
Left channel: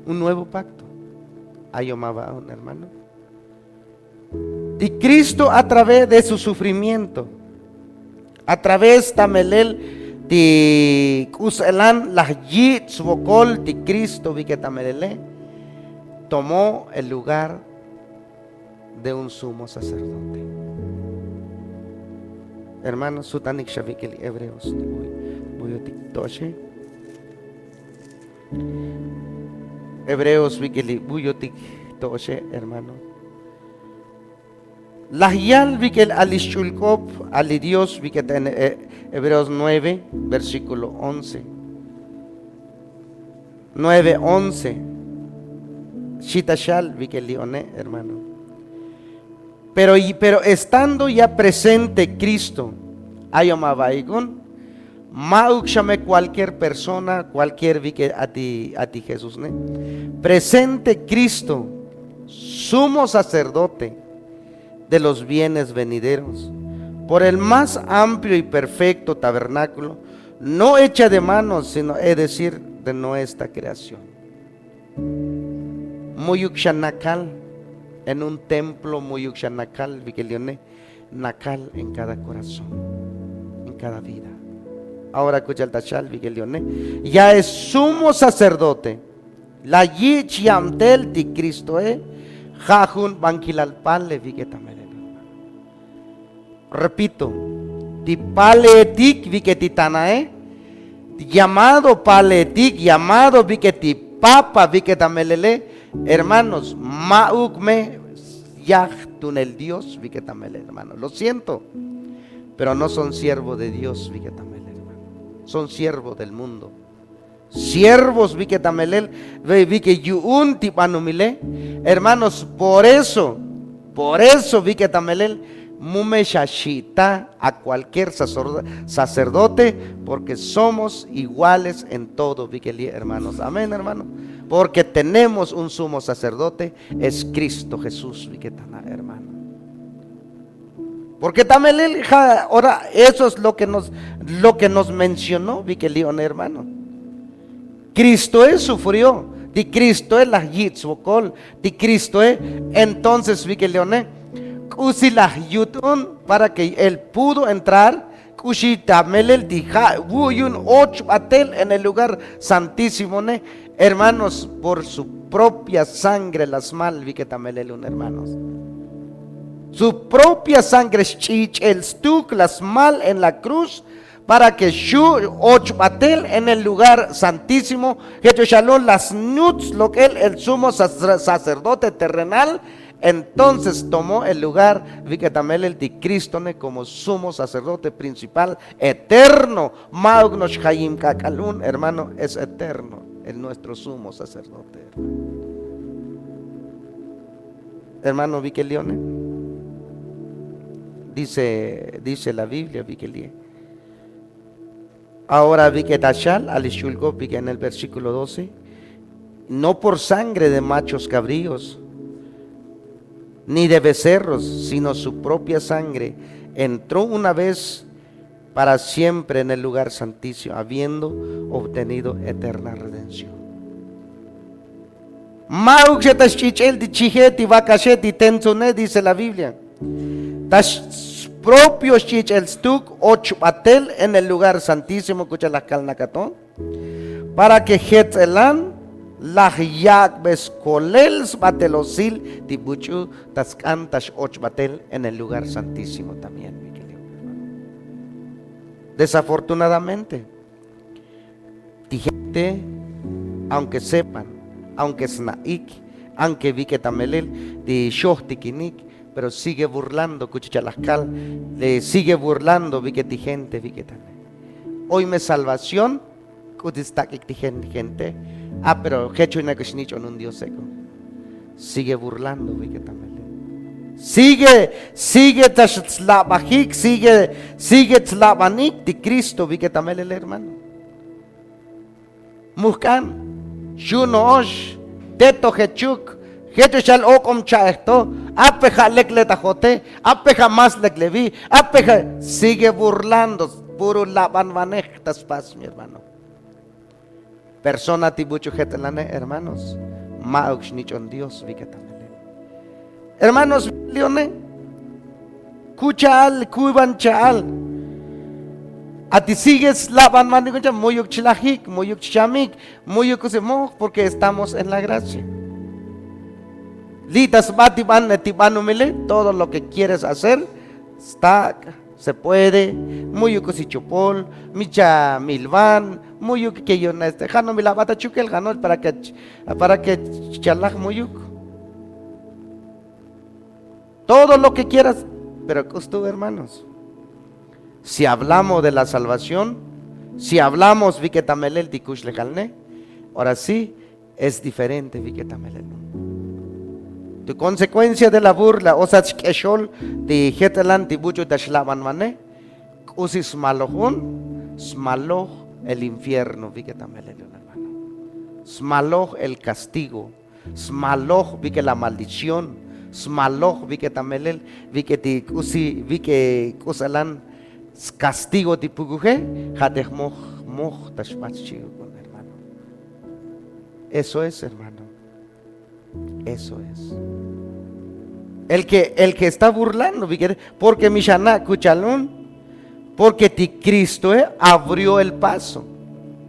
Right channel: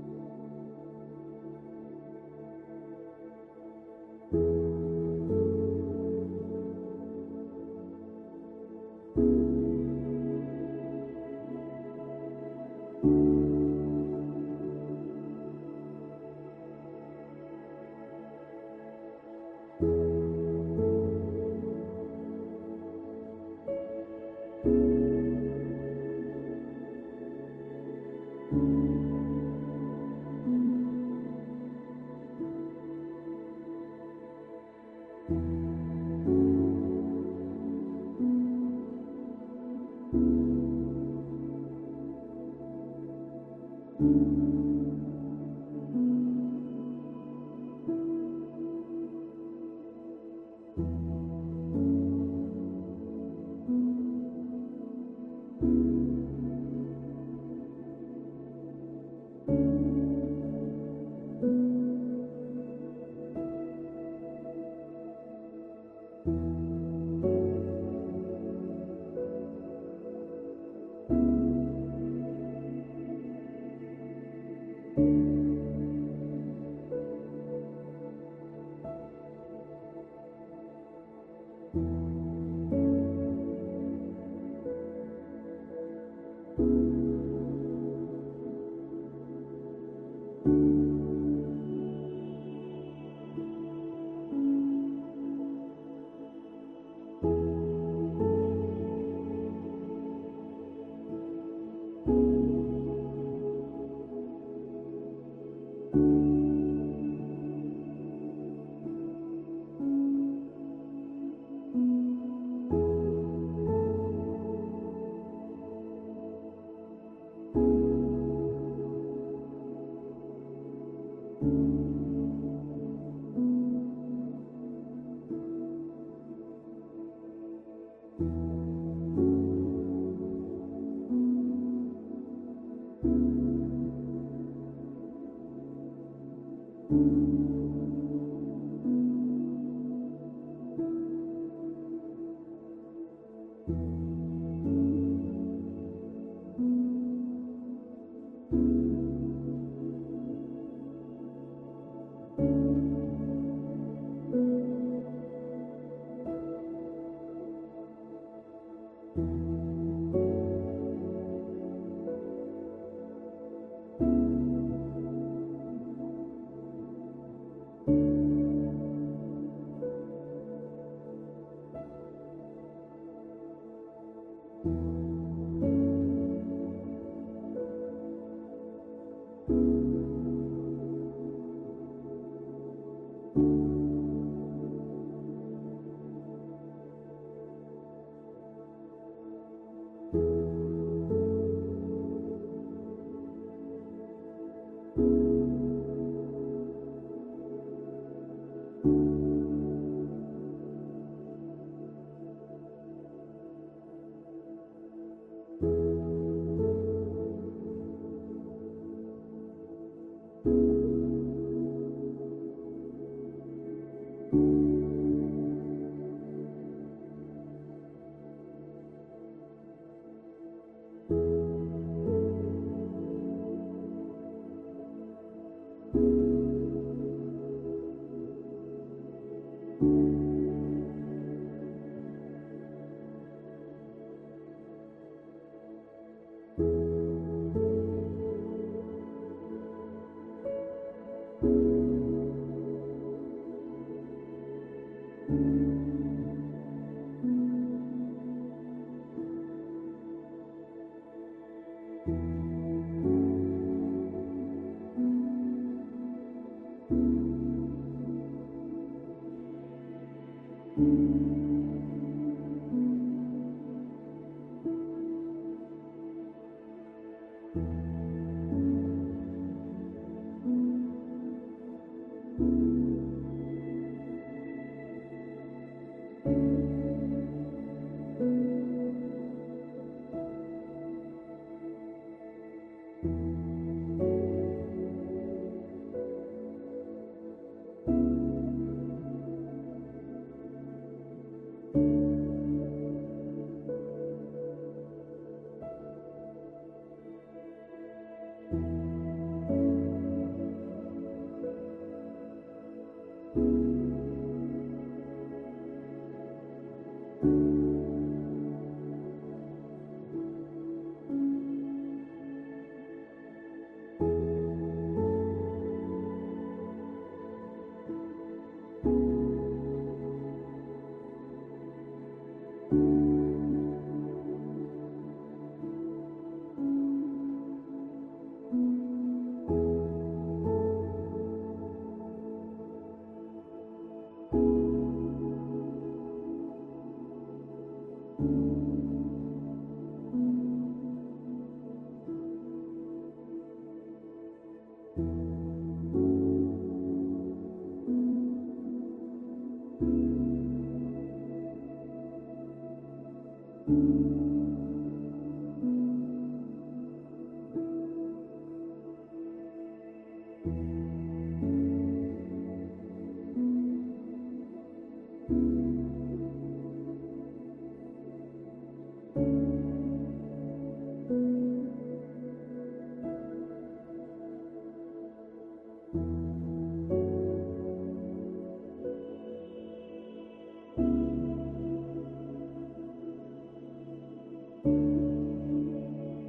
Un nuevo pacto. Ayomaba un hermano. Y Cristo a través de su sufrimiento, a través tamelel de kuselan la yit subokol de Cristo vi que tamelele tomó el lugar de un sumo sacerdote. Hermanos, sutanik shavikeli hebreos buyotik toshe. Hebreos vikeli buyotik toshe, hermano. Lahyal vikel alishulkop alidios viket en Hebreos 9 versículo 11. 9:11. Shitashal vikelione, hermano. Pero estando ya presente Cristo, ayomabaigon, maukshame cualquier persona, cualquier vique a ti Jesús, ¿ne? Presente Cristo, sumo sacerdote de los bienes venideros, por el más amplio y perfecto tabernáculo, no hecha de manos, sino es decir, de nuestra creación. Muyukshanakal, en un templo muyukshanakal, vikelione, nakal en cada corazón, en cada vida. Ahora escucha el tachal, vikelione, ya es sumo sacerdote, la yich yamtel ti Cristo jajun banquilalpale viketamele. Repito, di paletik viketitanae, llamado paletik, llamado viketi papa viketamelele, hermanos, maukme yachtun el Dios viketamele, hermanos. Lo siento, pero no son siervos de Dios viketamele, hermano. Son siervos del mundo. Siervos viketamele, vikeyun tipanumile, hermanos, por eso viketamele. Mume shashita a cualquier sacerdote, porque somos iguales en todo, hermanos. Amén, hermano. Porque tenemos un sumo sacerdote, es Cristo Jesús, hermano. Porque también ahora eso es lo que nos mencionó, hermano. Cristo sufrió, de Cristo la yitzvokol, de Cristo entonces para que él pudo entrar en el lugar santísimo, hermanos, por su propia sangre las mal hermanos, su propia sangre el stuk las mal en la cruz, para que en el lugar santísimo las nuts lo que el sumo sacerdote terrenal. Entonces tomó el lugar el de Cristo como sumo sacerdote principal eterno. Maugnosh Hayim Kakalun, hermano, es eterno, el nuestro sumo sacerdote. Hermano Vikelione, dice la Biblia, Vikelie. Ahora Viketashal alishulgo en el versículo 12, no por sangre de machos cabríos ni de becerros, sino su propia sangre, entró una vez para siempre en el lugar santísimo, habiendo obtenido eterna redención. Dice la Biblia, propios chichel stuk ochpatel en el lugar santísimo, escucha la calnacatón, para que Jetzelan la yak beskolels batelosil tibuchu tas cantas ochbatel en el lugar santísimo también. Desafortunadamente, gente, aunque sepan, aunque snaik, aunque vi que tamelel de shohtikinik, pero sigue burlando, cuchichalascal, le sigue burlando, vi que ti gente, vi que también. Hoy me salvación, gente. Pero hecho una cochinicho en un Dios seco. Sigue burlando, vi que también. Sigue tlabajik, sigue tlabanik de Cristo, vi que también el hermano. Muscan, Shunosh, Teto Hechuk, Hetechal Okom Chaesto, Apeja Lekletajote, Apeja más Leklevi, Apeja, sigue burlando, puro laban vanectas paz, mi hermano. Persona tibucho jetelane, hermanos, Maux nichon Dios, vi que también. Hermanos, Leone, Kuchal, Kuban Chal. A ti sigues laban maniguncha, muyuk chilajik, muyuk chamik, muyuk usemo, porque estamos en la gracia. Litas batiban, netibanumile, todo lo que quieres hacer, está, se puede. Muyuk usichopol, micha milvan, muyuk que yo no esté, jano milabata chukel, jano para que chalaj muyuk. Todo lo que quieras, pero tú, hermanos, si hablamos de la salvación, si hablamos Viketamel dikush lejalne, ahora sí es diferente Viketamel. Tu consecuencia de la burla, o sea, eshol de Hetelan tibucho de Shlaman mane, usi smalohun, smaloh el infierno Viketamel, hermano. Smaloh el castigo, smaloh Vike la maldición. Smaloh vi que tamelel, vi que ti usi, vi que usalan castigo ti puguje, hadeh moh tashmachchigo, hermano. Eso es, hermano. Eso es. El que está burlando, porque Mishana Kuchalun, porque ti Cristo abrió el paso.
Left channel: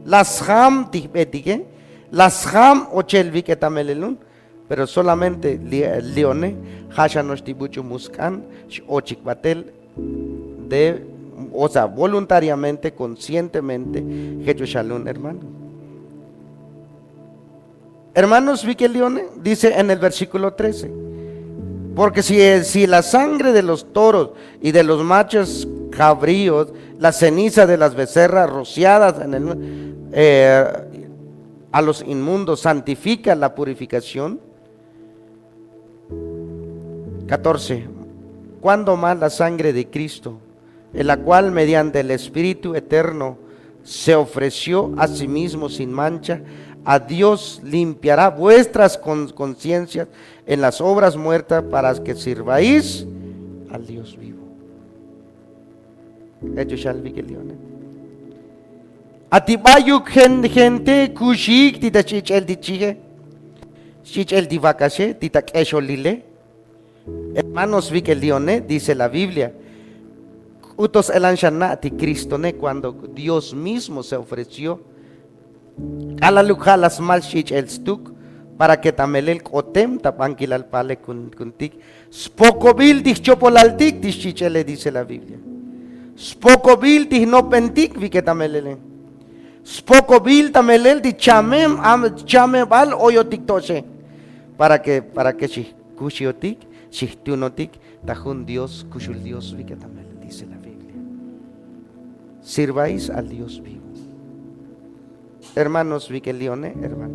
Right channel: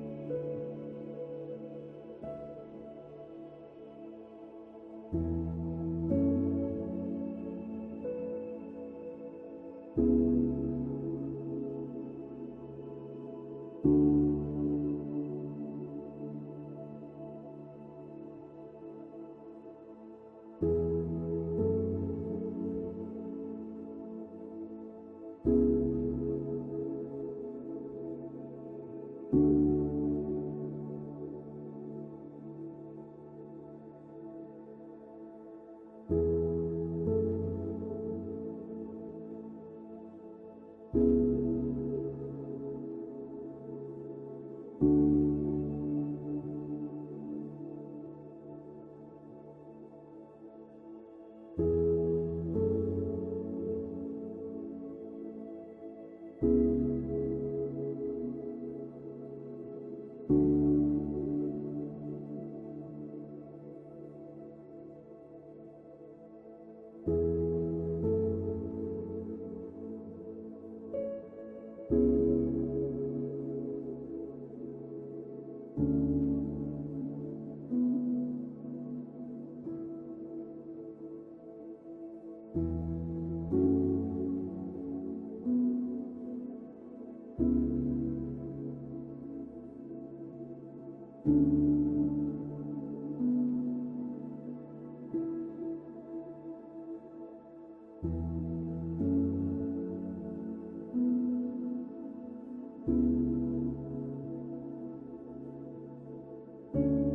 Las ham ti betige, las ham ochel vi que tamelelun. Pero solamente Leone, Hashanos Tibuchu Muscan, Ochikbatel, o sea, voluntariamente, conscientemente, Jechushalun, hermano. Hermanos, vi que Leone dice en el versículo 13: porque si la sangre de los toros y de los machos cabríos, la ceniza de las becerras rociadas a los inmundos santifica la purificación. 14. Cuando más la sangre de Cristo, en la cual mediante el Espíritu eterno se ofreció a sí mismo sin mancha, a Dios limpiará vuestras conciencias en las obras muertas para que sirváis al Dios vivo. Ellos shall be Leone. Atibayuk gente kushik tita chichel dichige, chichel divakashe tita kesholile. Hermanos, vi que Leone dice la Biblia, utos elanshana ti Cristo ne, cuando Dios mismo se ofreció a la luja las malshich el stuk para que tamelel kotem tapankil al pale kuntik spokobil dich chopolaltik dischichele, dice la Biblia. Spokobil dich no pentik vi que tamelele spokobil tamelel di chamem bal oyotik toshe para que kushiotik Shihtunotik, tajun Dios, kushul Dios, vi que también dice la Biblia. Sirváis al Dios vivo. Hermanos, vi que Leone, hermano.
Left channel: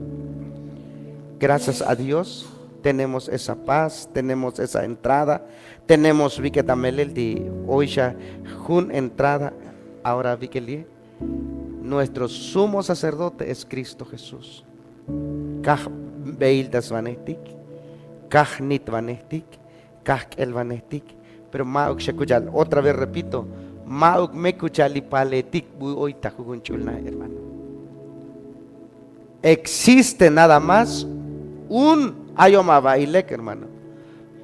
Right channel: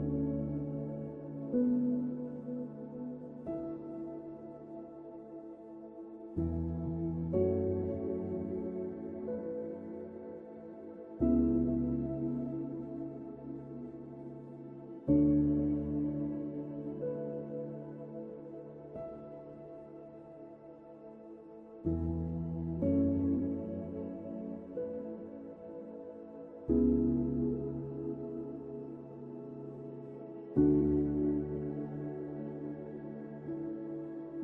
Gracias a Dios tenemos esa paz, tenemos esa entrada, tenemos vi que también el de oisha jun entrada. Ahora vi que nuestro sumo sacerdote es Cristo Jesús. Kah beil das vanetik, kah nit vanetik. El vanetik, pero mauk shekuchal, otra vez repito, mauk mekuchali paletik hoy tajugunchulna, hermano. Existe nada más un ayomabailek, hermano,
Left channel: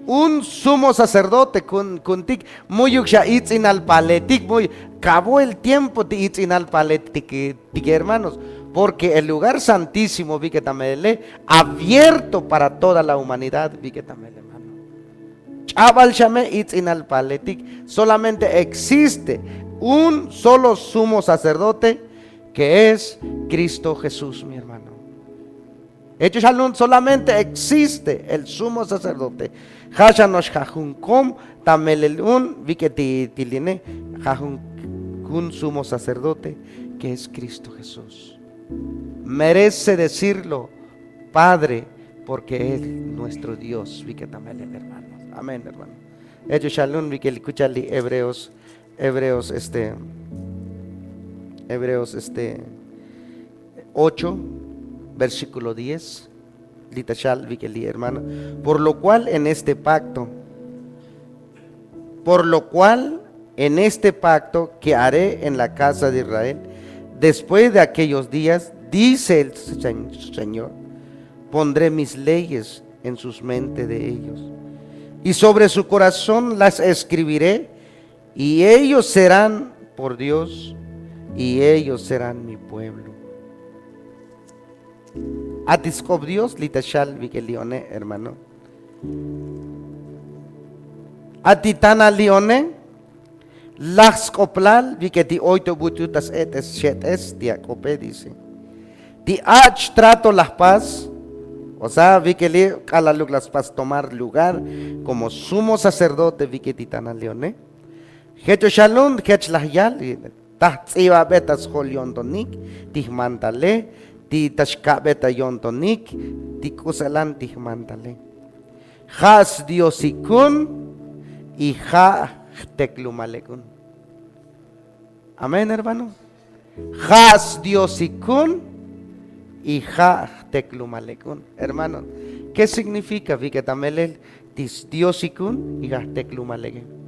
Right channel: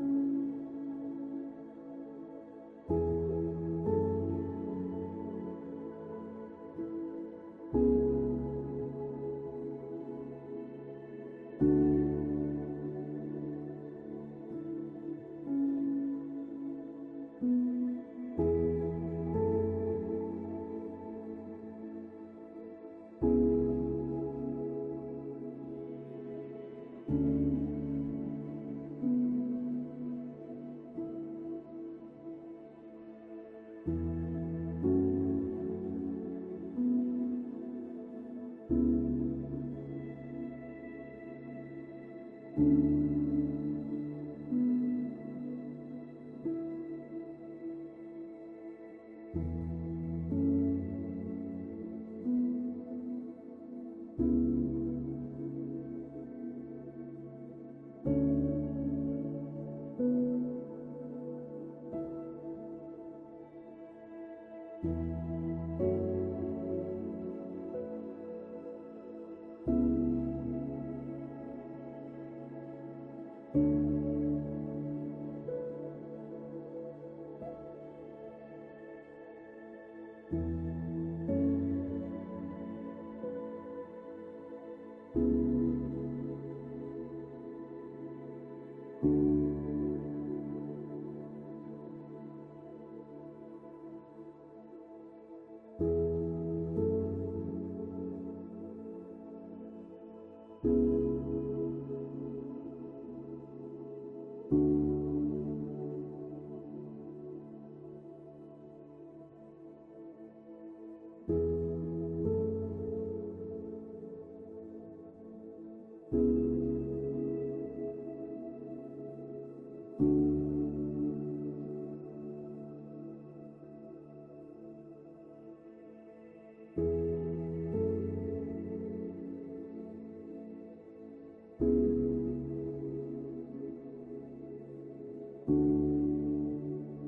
un sumo sacerdote con tik, muy uksha itzin al paletik, muy acabó el tiempo de itzin al paletik, hermanos, porque el lugar santísimo vi que tamele abierto para toda la humanidad, vi que tamele. Solamente existe un solo sumo sacerdote, que es Cristo Jesús, mi hermano. Hechos solamente existe el sumo sacerdote. Hashanosh Jajunkom Tamelelun Viketiline Jajun sumo sacerdote, que es Cristo Jesús. Merece decirlo, Padre, porque Él nuestro Dios, vi que también el hermano. Amén, hermano. Ellos shalom, vi que escuchan Hebreos 8, versículo 10. Litashal, vi que hermano. Por lo cual en este pacto que haré en la casa de Israel, después de aquellos días, dice el Señor, pondré mis leyes en sus mentes de ellos, y sobre su corazón las escribiré, y ellos serán por Dios, y ellos serán mi pueblo. Atiskop Dios, litashal vikelione, hermano. Atitana lione, las coplal, viketi oito bututas etes chetes, diacope dice. Ti ach trato las paz, o sea, vikeli calaluk las paz tomar lugar como sumo sacerdote viketitana lione. Hecho shalom, hech las yal, tahtsiva betas holiondonik, tihmantale, ti tashkabeta yontonik, ti kusalan tihmantale. Has diosikun y ha teklumalekun. Amén, hermano. Has diosikun y ha teklumalekun. Hermano, ¿qué significa viketamele tis diosikun y ha teklumalekun?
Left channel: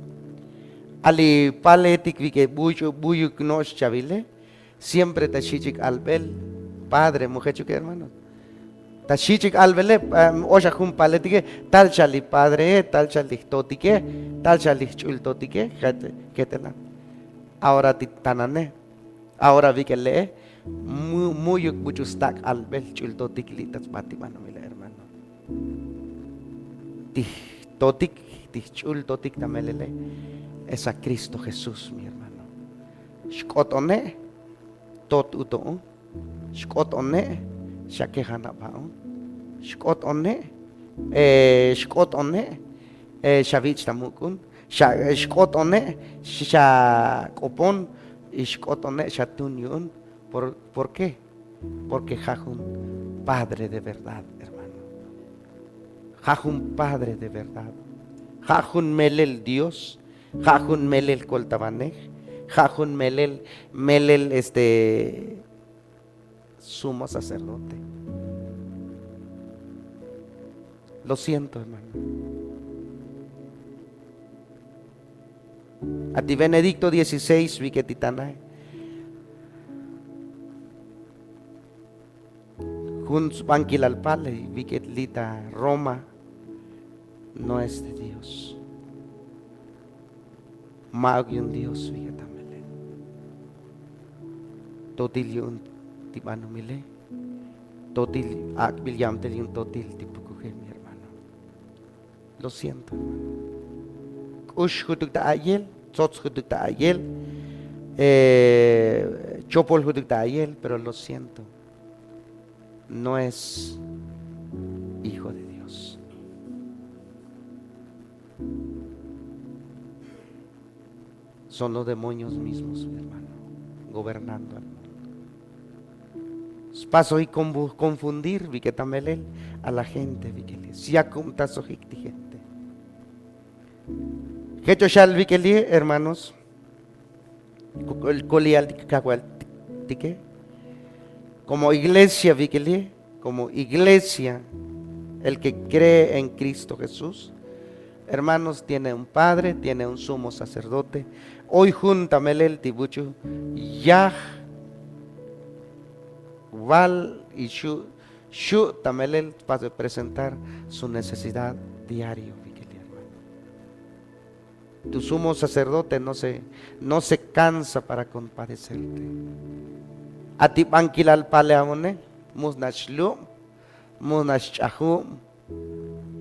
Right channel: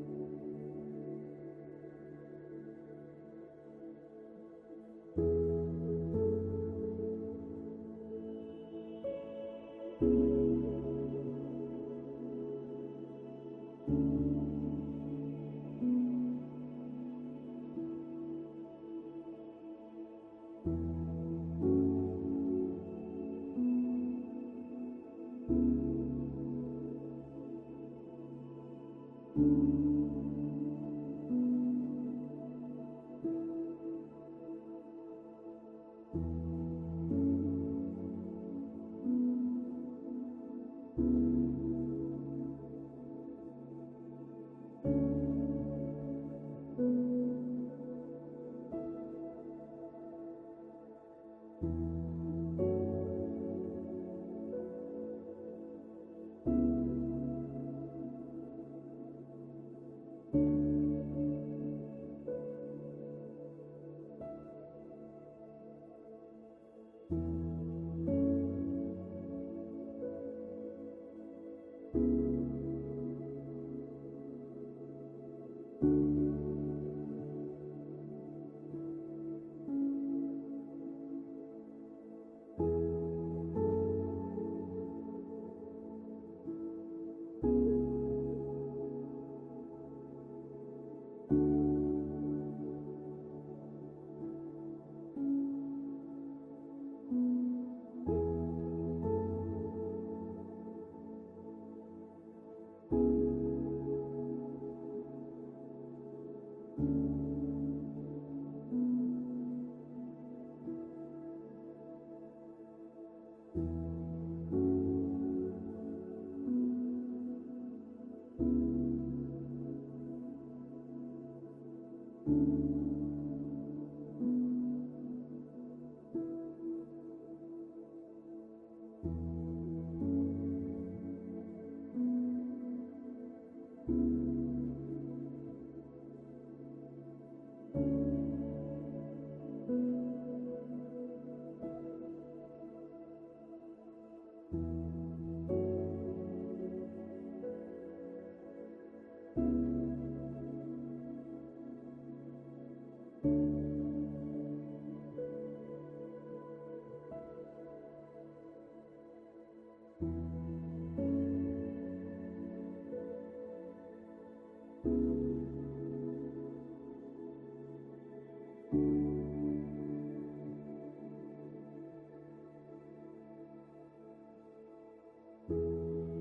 Ali paletik vike buyuk nos chavile, siempre tashichik albel, padre, mujer, hermano. Tashichik albele, oja jun paletike, tal chali padre, tal chali totike, tal chali chultotike, ketela. Ahora titanane, ahora vi que lee, muy muchustak albel chultotik litas patimano, mira hermano. Tih totik, tih chultotik tamelele, es a Cristo Jesús, mi hermano. Shkotone, tot uto, shkotone, shakehana bao. Shkot onne, shavich tamukun, shkot onne, shakopon, shkot onne, shatunyun. ¿Por qué? Porque jajun padre de verdad, hermano. Jajun padre de verdad. Jajun melel Dios, jajun melel koltabanej, jajun melel sumo sacerdote. Lo siento, hermano. A ti Benedicto 16, vi que titanae. Juns banquil pale, vi que lita Roma no es de Dios. Magion Dios, vi que tamele. Totilion tibano mile. Totil akbiliam telion totil tipo. Lo siento. Ush hutuk ta ayel, tzots hutuk ta ayel, chopol hutuk ta ayel, pero lo siento. No es hijo de Dios. Son los demonios mismos, mi hermano, gobernando al mundo. Paso y confundir, vi que tamelel a la gente, vi que les ya tazo gente. Hecho shal vi que li, hermanos, como iglesia vi que li, como iglesia, el que cree en Cristo Jesús, hermanos, tiene un padre, tiene un sumo sacerdote. Hoy júntamele el tibucho, Yah, Val y Shu tamele para presentar su necesidad diario. Tu sumo sacerdote no se cansa para compadecerte. A ti banquilal paleamone, musnashlu, musnashahum,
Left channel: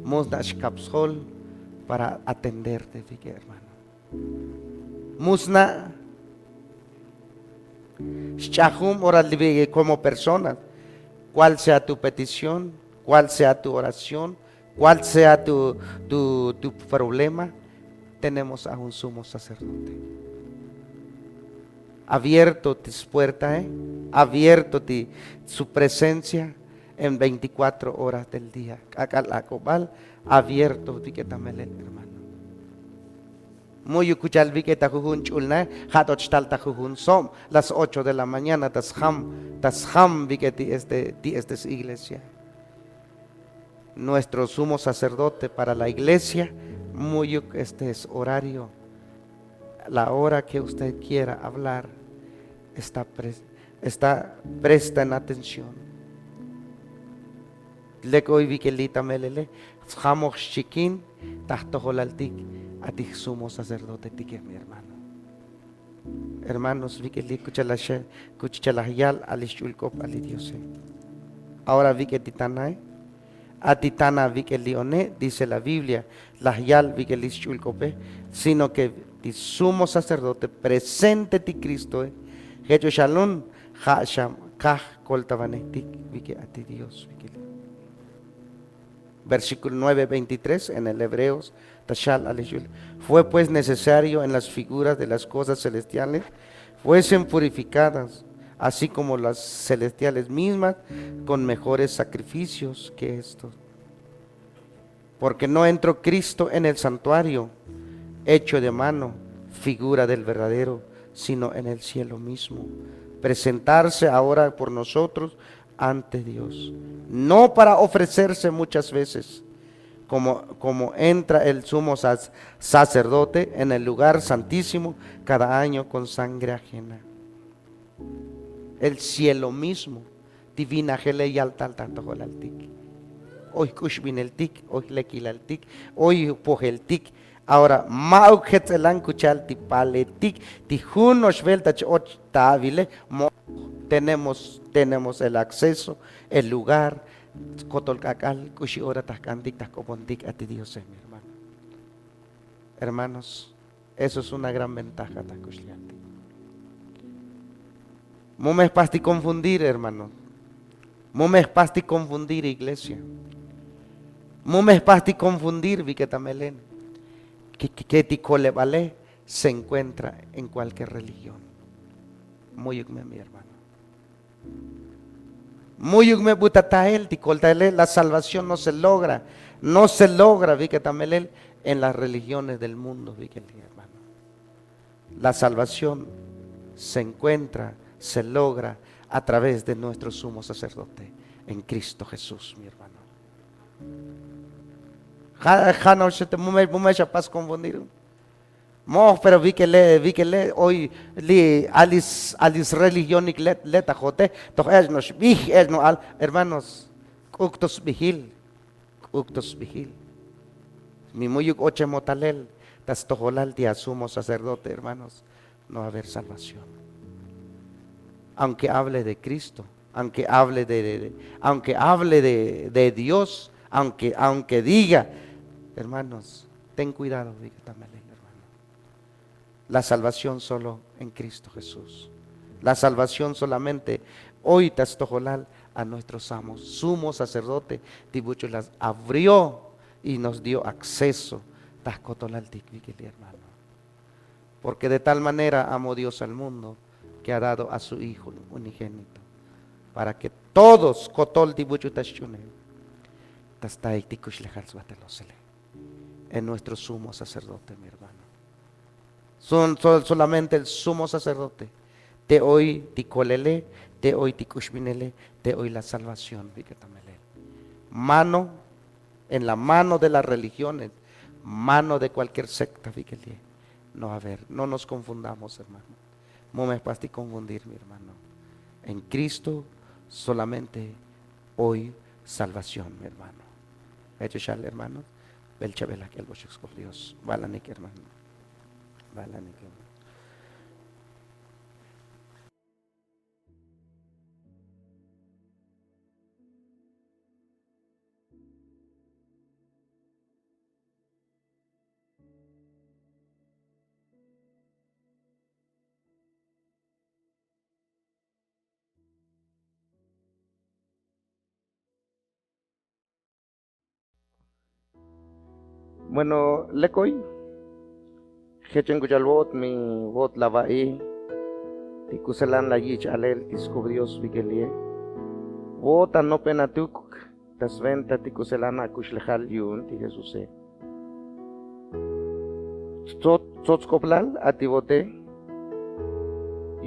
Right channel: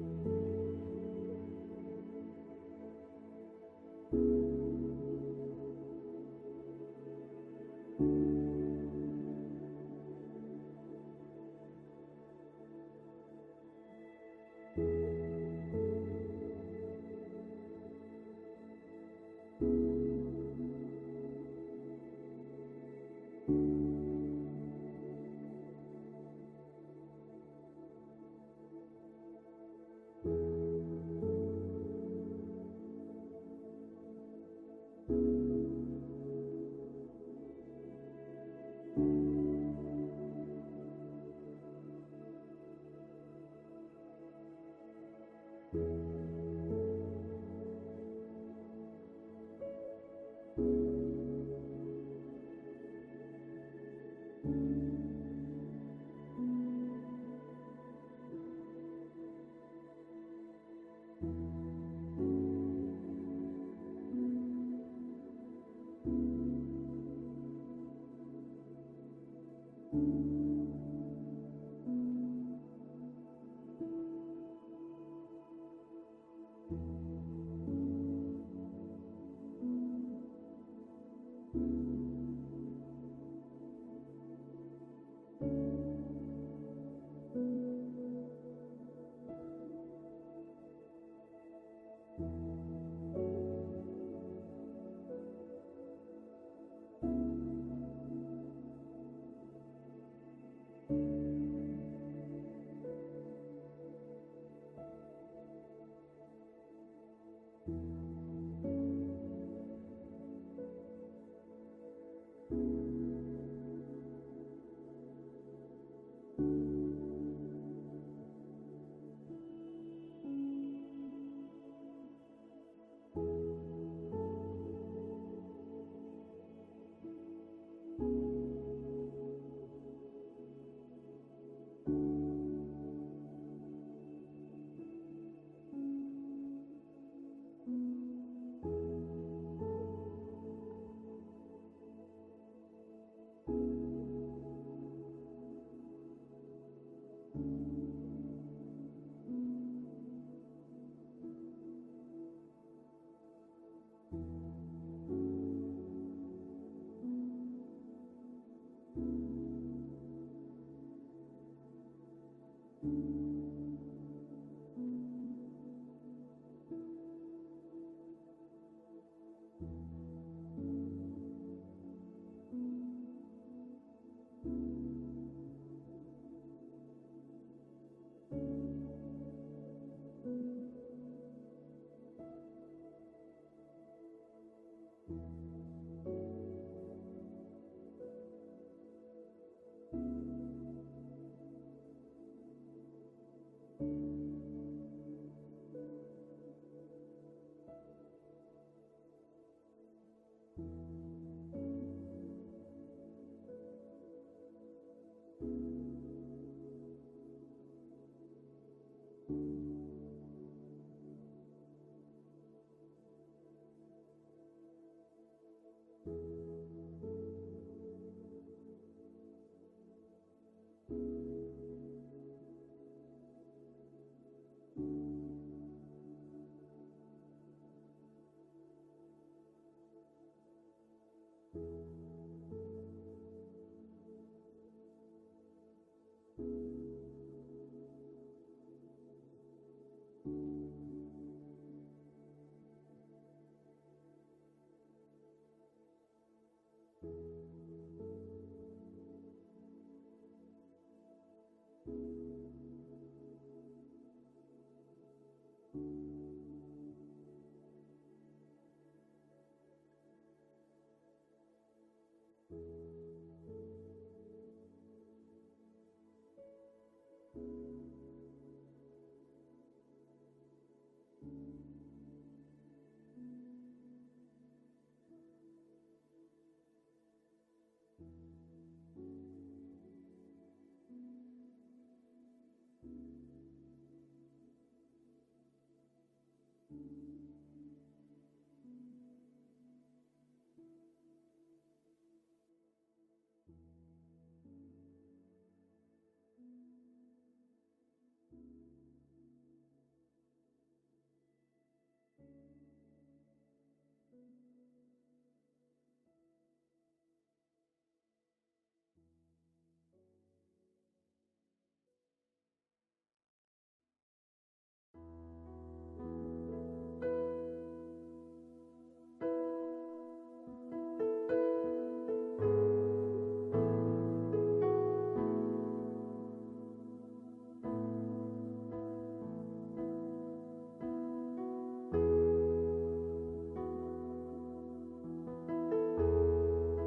musnashkapsol, para atenderte, hermano. Musna shahum, ora como persona, cuál sea tu petición, cuál sea tu oración, cuál sea tu problema. Tenemos a un sumo sacerdote. Abierto tus puertas, abierto su presencia, en 24 horas del día. Acabal abierto, viquetamelel, hermano. Muy escuchar viqueta jujun chulna, hatoch talta jujun som, las 8 de la mañana, tas ham viqueti esta iglesia. Nuestro sumo sacerdote para la iglesia, muy este es horario, la hora que usted quiera hablar, presta en atención. Lekoy vikelita melele, jamos chiquín, tahtojolaltik, a ti sumo sacerdote, tique mi hermano. Hermanos, vikeli kuchalahyal alishulkop alidiose. Ahora viketitanay. Atitana vikelione, dice la Biblia, lahyal vikelishulkope, sino que ti sumo sacerdote presente ti Cristo, hecho shalom, hasham, kah koltavanetik, vike a ti Dios. Versículo 9:23 en el Hebreos, tashal alishul. Fue pues necesario en las figuras de las cosas celestiales fuesen purificadas, así como las celestiales mismas, con mejores sacrificios que estos. Porque no entró Cristo en el santuario, hecho de mano, figura del verdadero, sino en el cielo mismo. Presentarse ahora por nosotros ante Dios, no para ofrecerse muchas veces, como entra el sumo sacerdote en el lugar santísimo cada año con sangre ajena. El cielo mismo, divina gele y altal tanto jolaltik. Hoy kushbin el tik, hoy lekil el tik, hoy poje el tik. Ahora, maujet elan kuchal ti paletik, ti junos veltach och tabile, tenemos el acceso, el lugar, kotolkakal, kushi ora taskantik, taskopontik a ti Dios, mi hermano. Hermanos, eso es una gran ventaja, takushliantik. Momes pasti confundir, hermano. Momes pasti confundir, iglesia. Momes pasti confundir, viquetamelen. Que ticolevale se encuentra en cualquier religión. Muy bien, mi hermano. Muy bien, butatael, ticoltaele, la salvación no se logra, viquetamelen, en las religiones del mundo, viquetamelen, hermano. La salvación se logra a través de nuestro sumo sacerdote en Cristo Jesús, mi hermano. Jano se te mumecha pas confundir. Pero vi que le hoy alis religión y leta jote, toch no al hermanos, uktos vigil. Mi muyuk oche motalel, tas tojolal dia sumo sacerdote, hermanos, no va a haber salvación. Aunque hable de Cristo, aunque hable de Dios, aunque diga, hermanos, ten cuidado, hermano. La salvación solo en Cristo Jesús. La salvación solamente hoy tastojolal a nuestros amos. Sumo sacerdote, Tibucho las abrió y nos dio acceso, tascotolal hermano. Porque de tal manera amó Dios al mundo que ha dado a su Hijo unigénito, para que todos kotol tibuchu tashune en nuestro sumo sacerdote, mi hermano. Solamente el sumo sacerdote te hoy ticolele, te hoy tikushminele, te hoy la salvación, mano en la mano de las religiones, mano de cualquier secta, no a ver, no nos confundamos, hermano. No me pasti confundir, mi hermano. En Cristo solamente hoy salvación, mi hermano. Hecho ya, hermano. Belchabela que el bochos con Dios. Valanik, hermano. Valanik, hermano. Bueno, lekoy. Hechen kuchalbot mi bot lavai. Tikuselan la yich alel iskubrios vigelie. Ota no penatuk, tas venta tikuselana kushlejal yun ti Jesús. Tzotzkoplal atibote,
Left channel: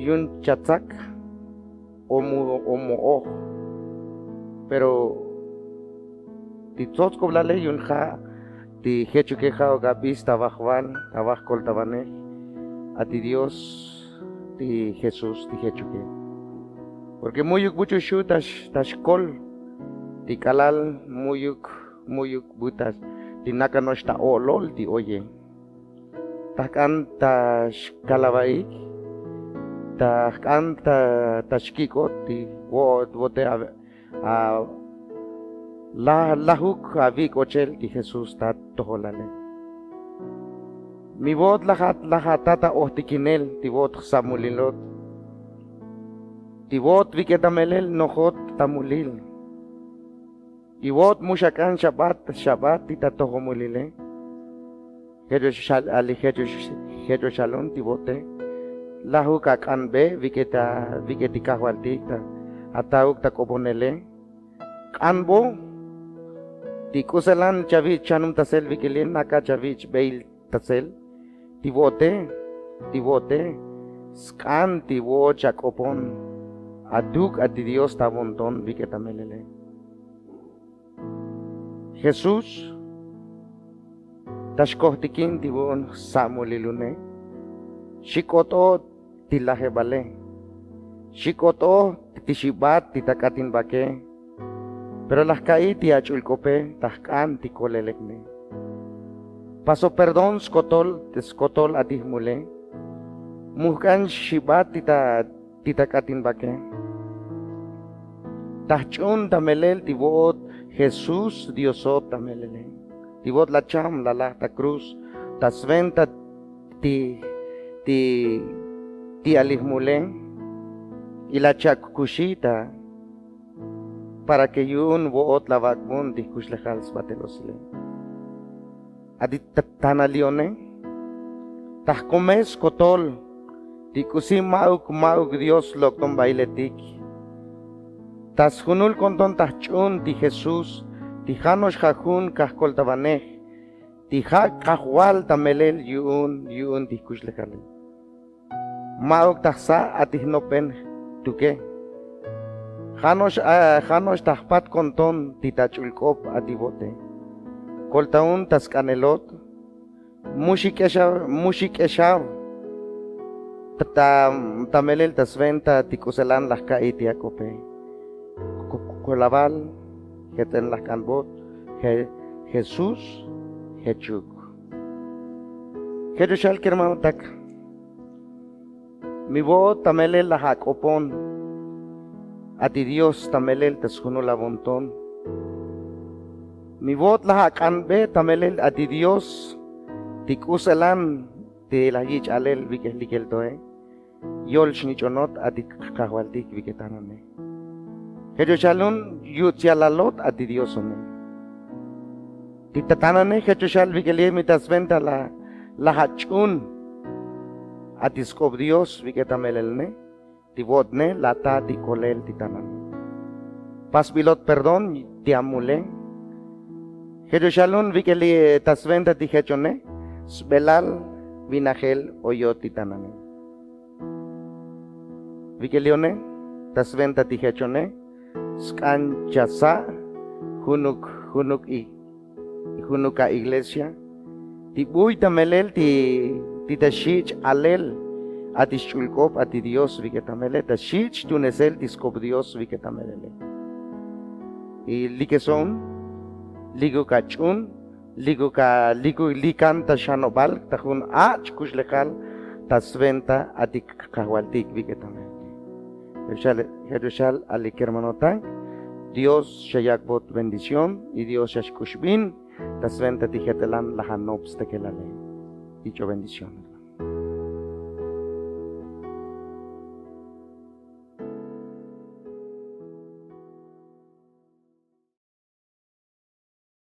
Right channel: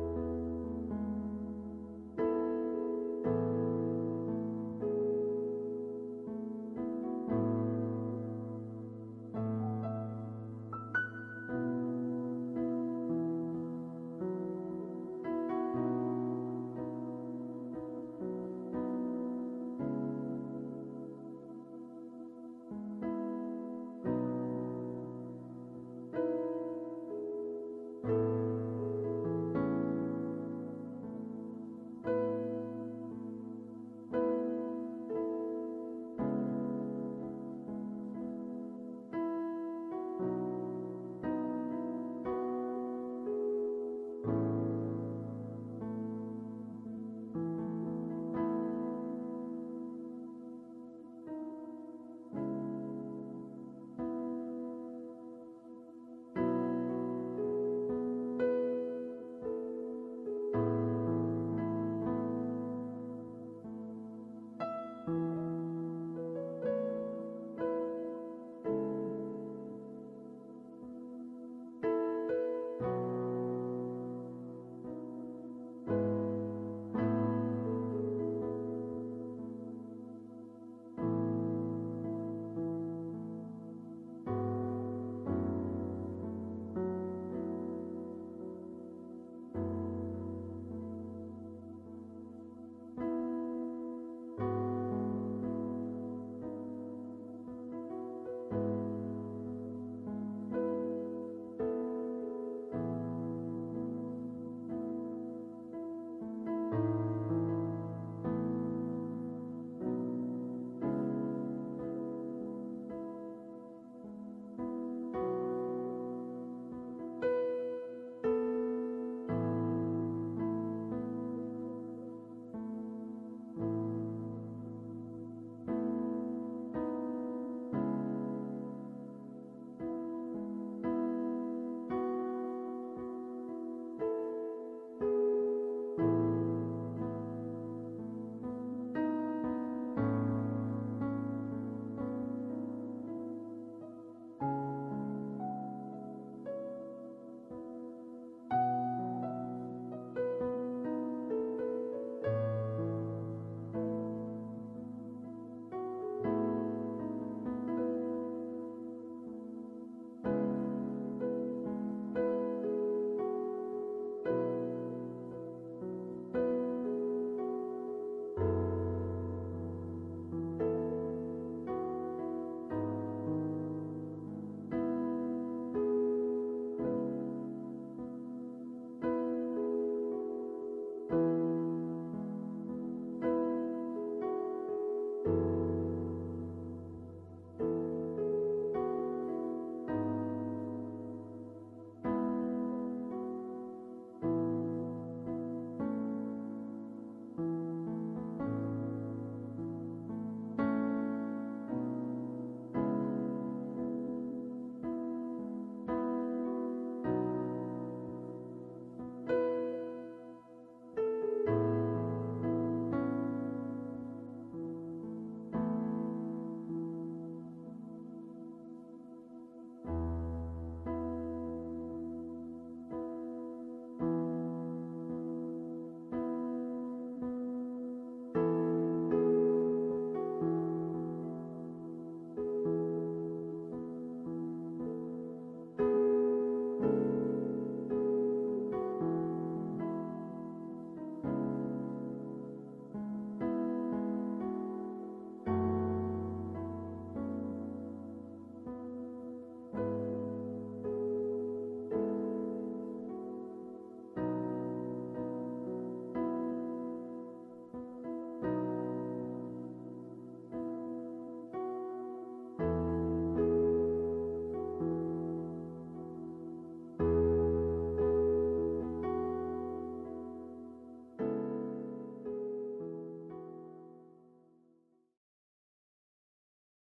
yun chatzak, omo, pero ti tzotzkoplale yun ja, ti hechukeja o gabis tabajwan, tabajkol tabane, a ti Dios, ti Jesús, ti hechuke. Porque muyuk buchu shu tashkol, ti kalal muyuk butas, ti nakanosh ta olol ti oye. Takan tashkalabaik, takan tashkikot, ti wote a lahuk avik ochel ti Jesús ta toholale. Mi vot lahatata ohtikinel ti vot samulilot. Ti vot viketamelel nohot tamulil. Ti vot mushakan Shabbat ti tatohomulile. Hejo shalom ti vote. Lahu kakan be viketi kahwaltik atauk takoponele. Kanbo ti kuselan chavich chanum tasel vikilin naka chavich beil tasel. Ti vote. Skan ti vo chakopon. Aduk ati Dios tabonton viketamelele. Jesús tashkohtikin tibon samulilune. Shikoto tilahebale. Shikoto tishibat titakatin bake. Pero las kai tiachulkope tahkan tikolelekne. Paso perdón skotol atihmule. Muhkan shibat titakatin bake. Tahchun tamelel tibot Jesús Diosot tamelele. Tibot la cham la cruz tasventa ti alihmule y la chakushita para que yun boot la vakmun di kushlejal spatelosle. Adi tanalione tahkomes kotol di kusim mauk Dios lokton bailetik. Tas hunul konton tahchun di Jesús ti hanos jajun kahkol tabaneh ti hak kahwal tamelel yun di kushlejal. Mauk tahsa atihnopen tuke. Hanos tahpat konton ti tachulkop atibote. Koltaun tas kanelot mushik eshav tamelel tas venta ti kuselan las kaiti akope. Kolaval heten las kanbot Jesús hechuk. Kedushal kermautak. Mi voz tamelel la hakopon. Ati Dios tamelel tashuno la bonton. Mi voz la hakanbe tamelel ati Dios tikuselan ti la yich alel vikelikel toe. Yol shnichonot ati kahwaltik viketanane. Hejoshalun yutyalalot ati Dios one. Titatanane hejoshal vikelie mitasventa la hachun ati skob Dios viketamelelne. Tibotne lata ti kolel titanan. Pas pilot perdón ti amule. Hejoshalun vikeli tasventa ti hechone. Sbelal vinagel oyot titanane. Vikelione tasventa ti hechone. Skan chasa hunuka iglesia. Tibuy tamelel ti tashich alel. Ati shulkop ati Dios viketamele ta shich tunesel tiskop Dios viketamele. Y likeson ligo kachun ligo likan ta shanobal ta hun ach kushlekal ta sventa ati kahwaltik viketamele. Jerushal alikermanotay Dios shayakbot bendición y Dios shashkushbin ta sventa tijetelan lahanobs tekelale. Dicho bendición.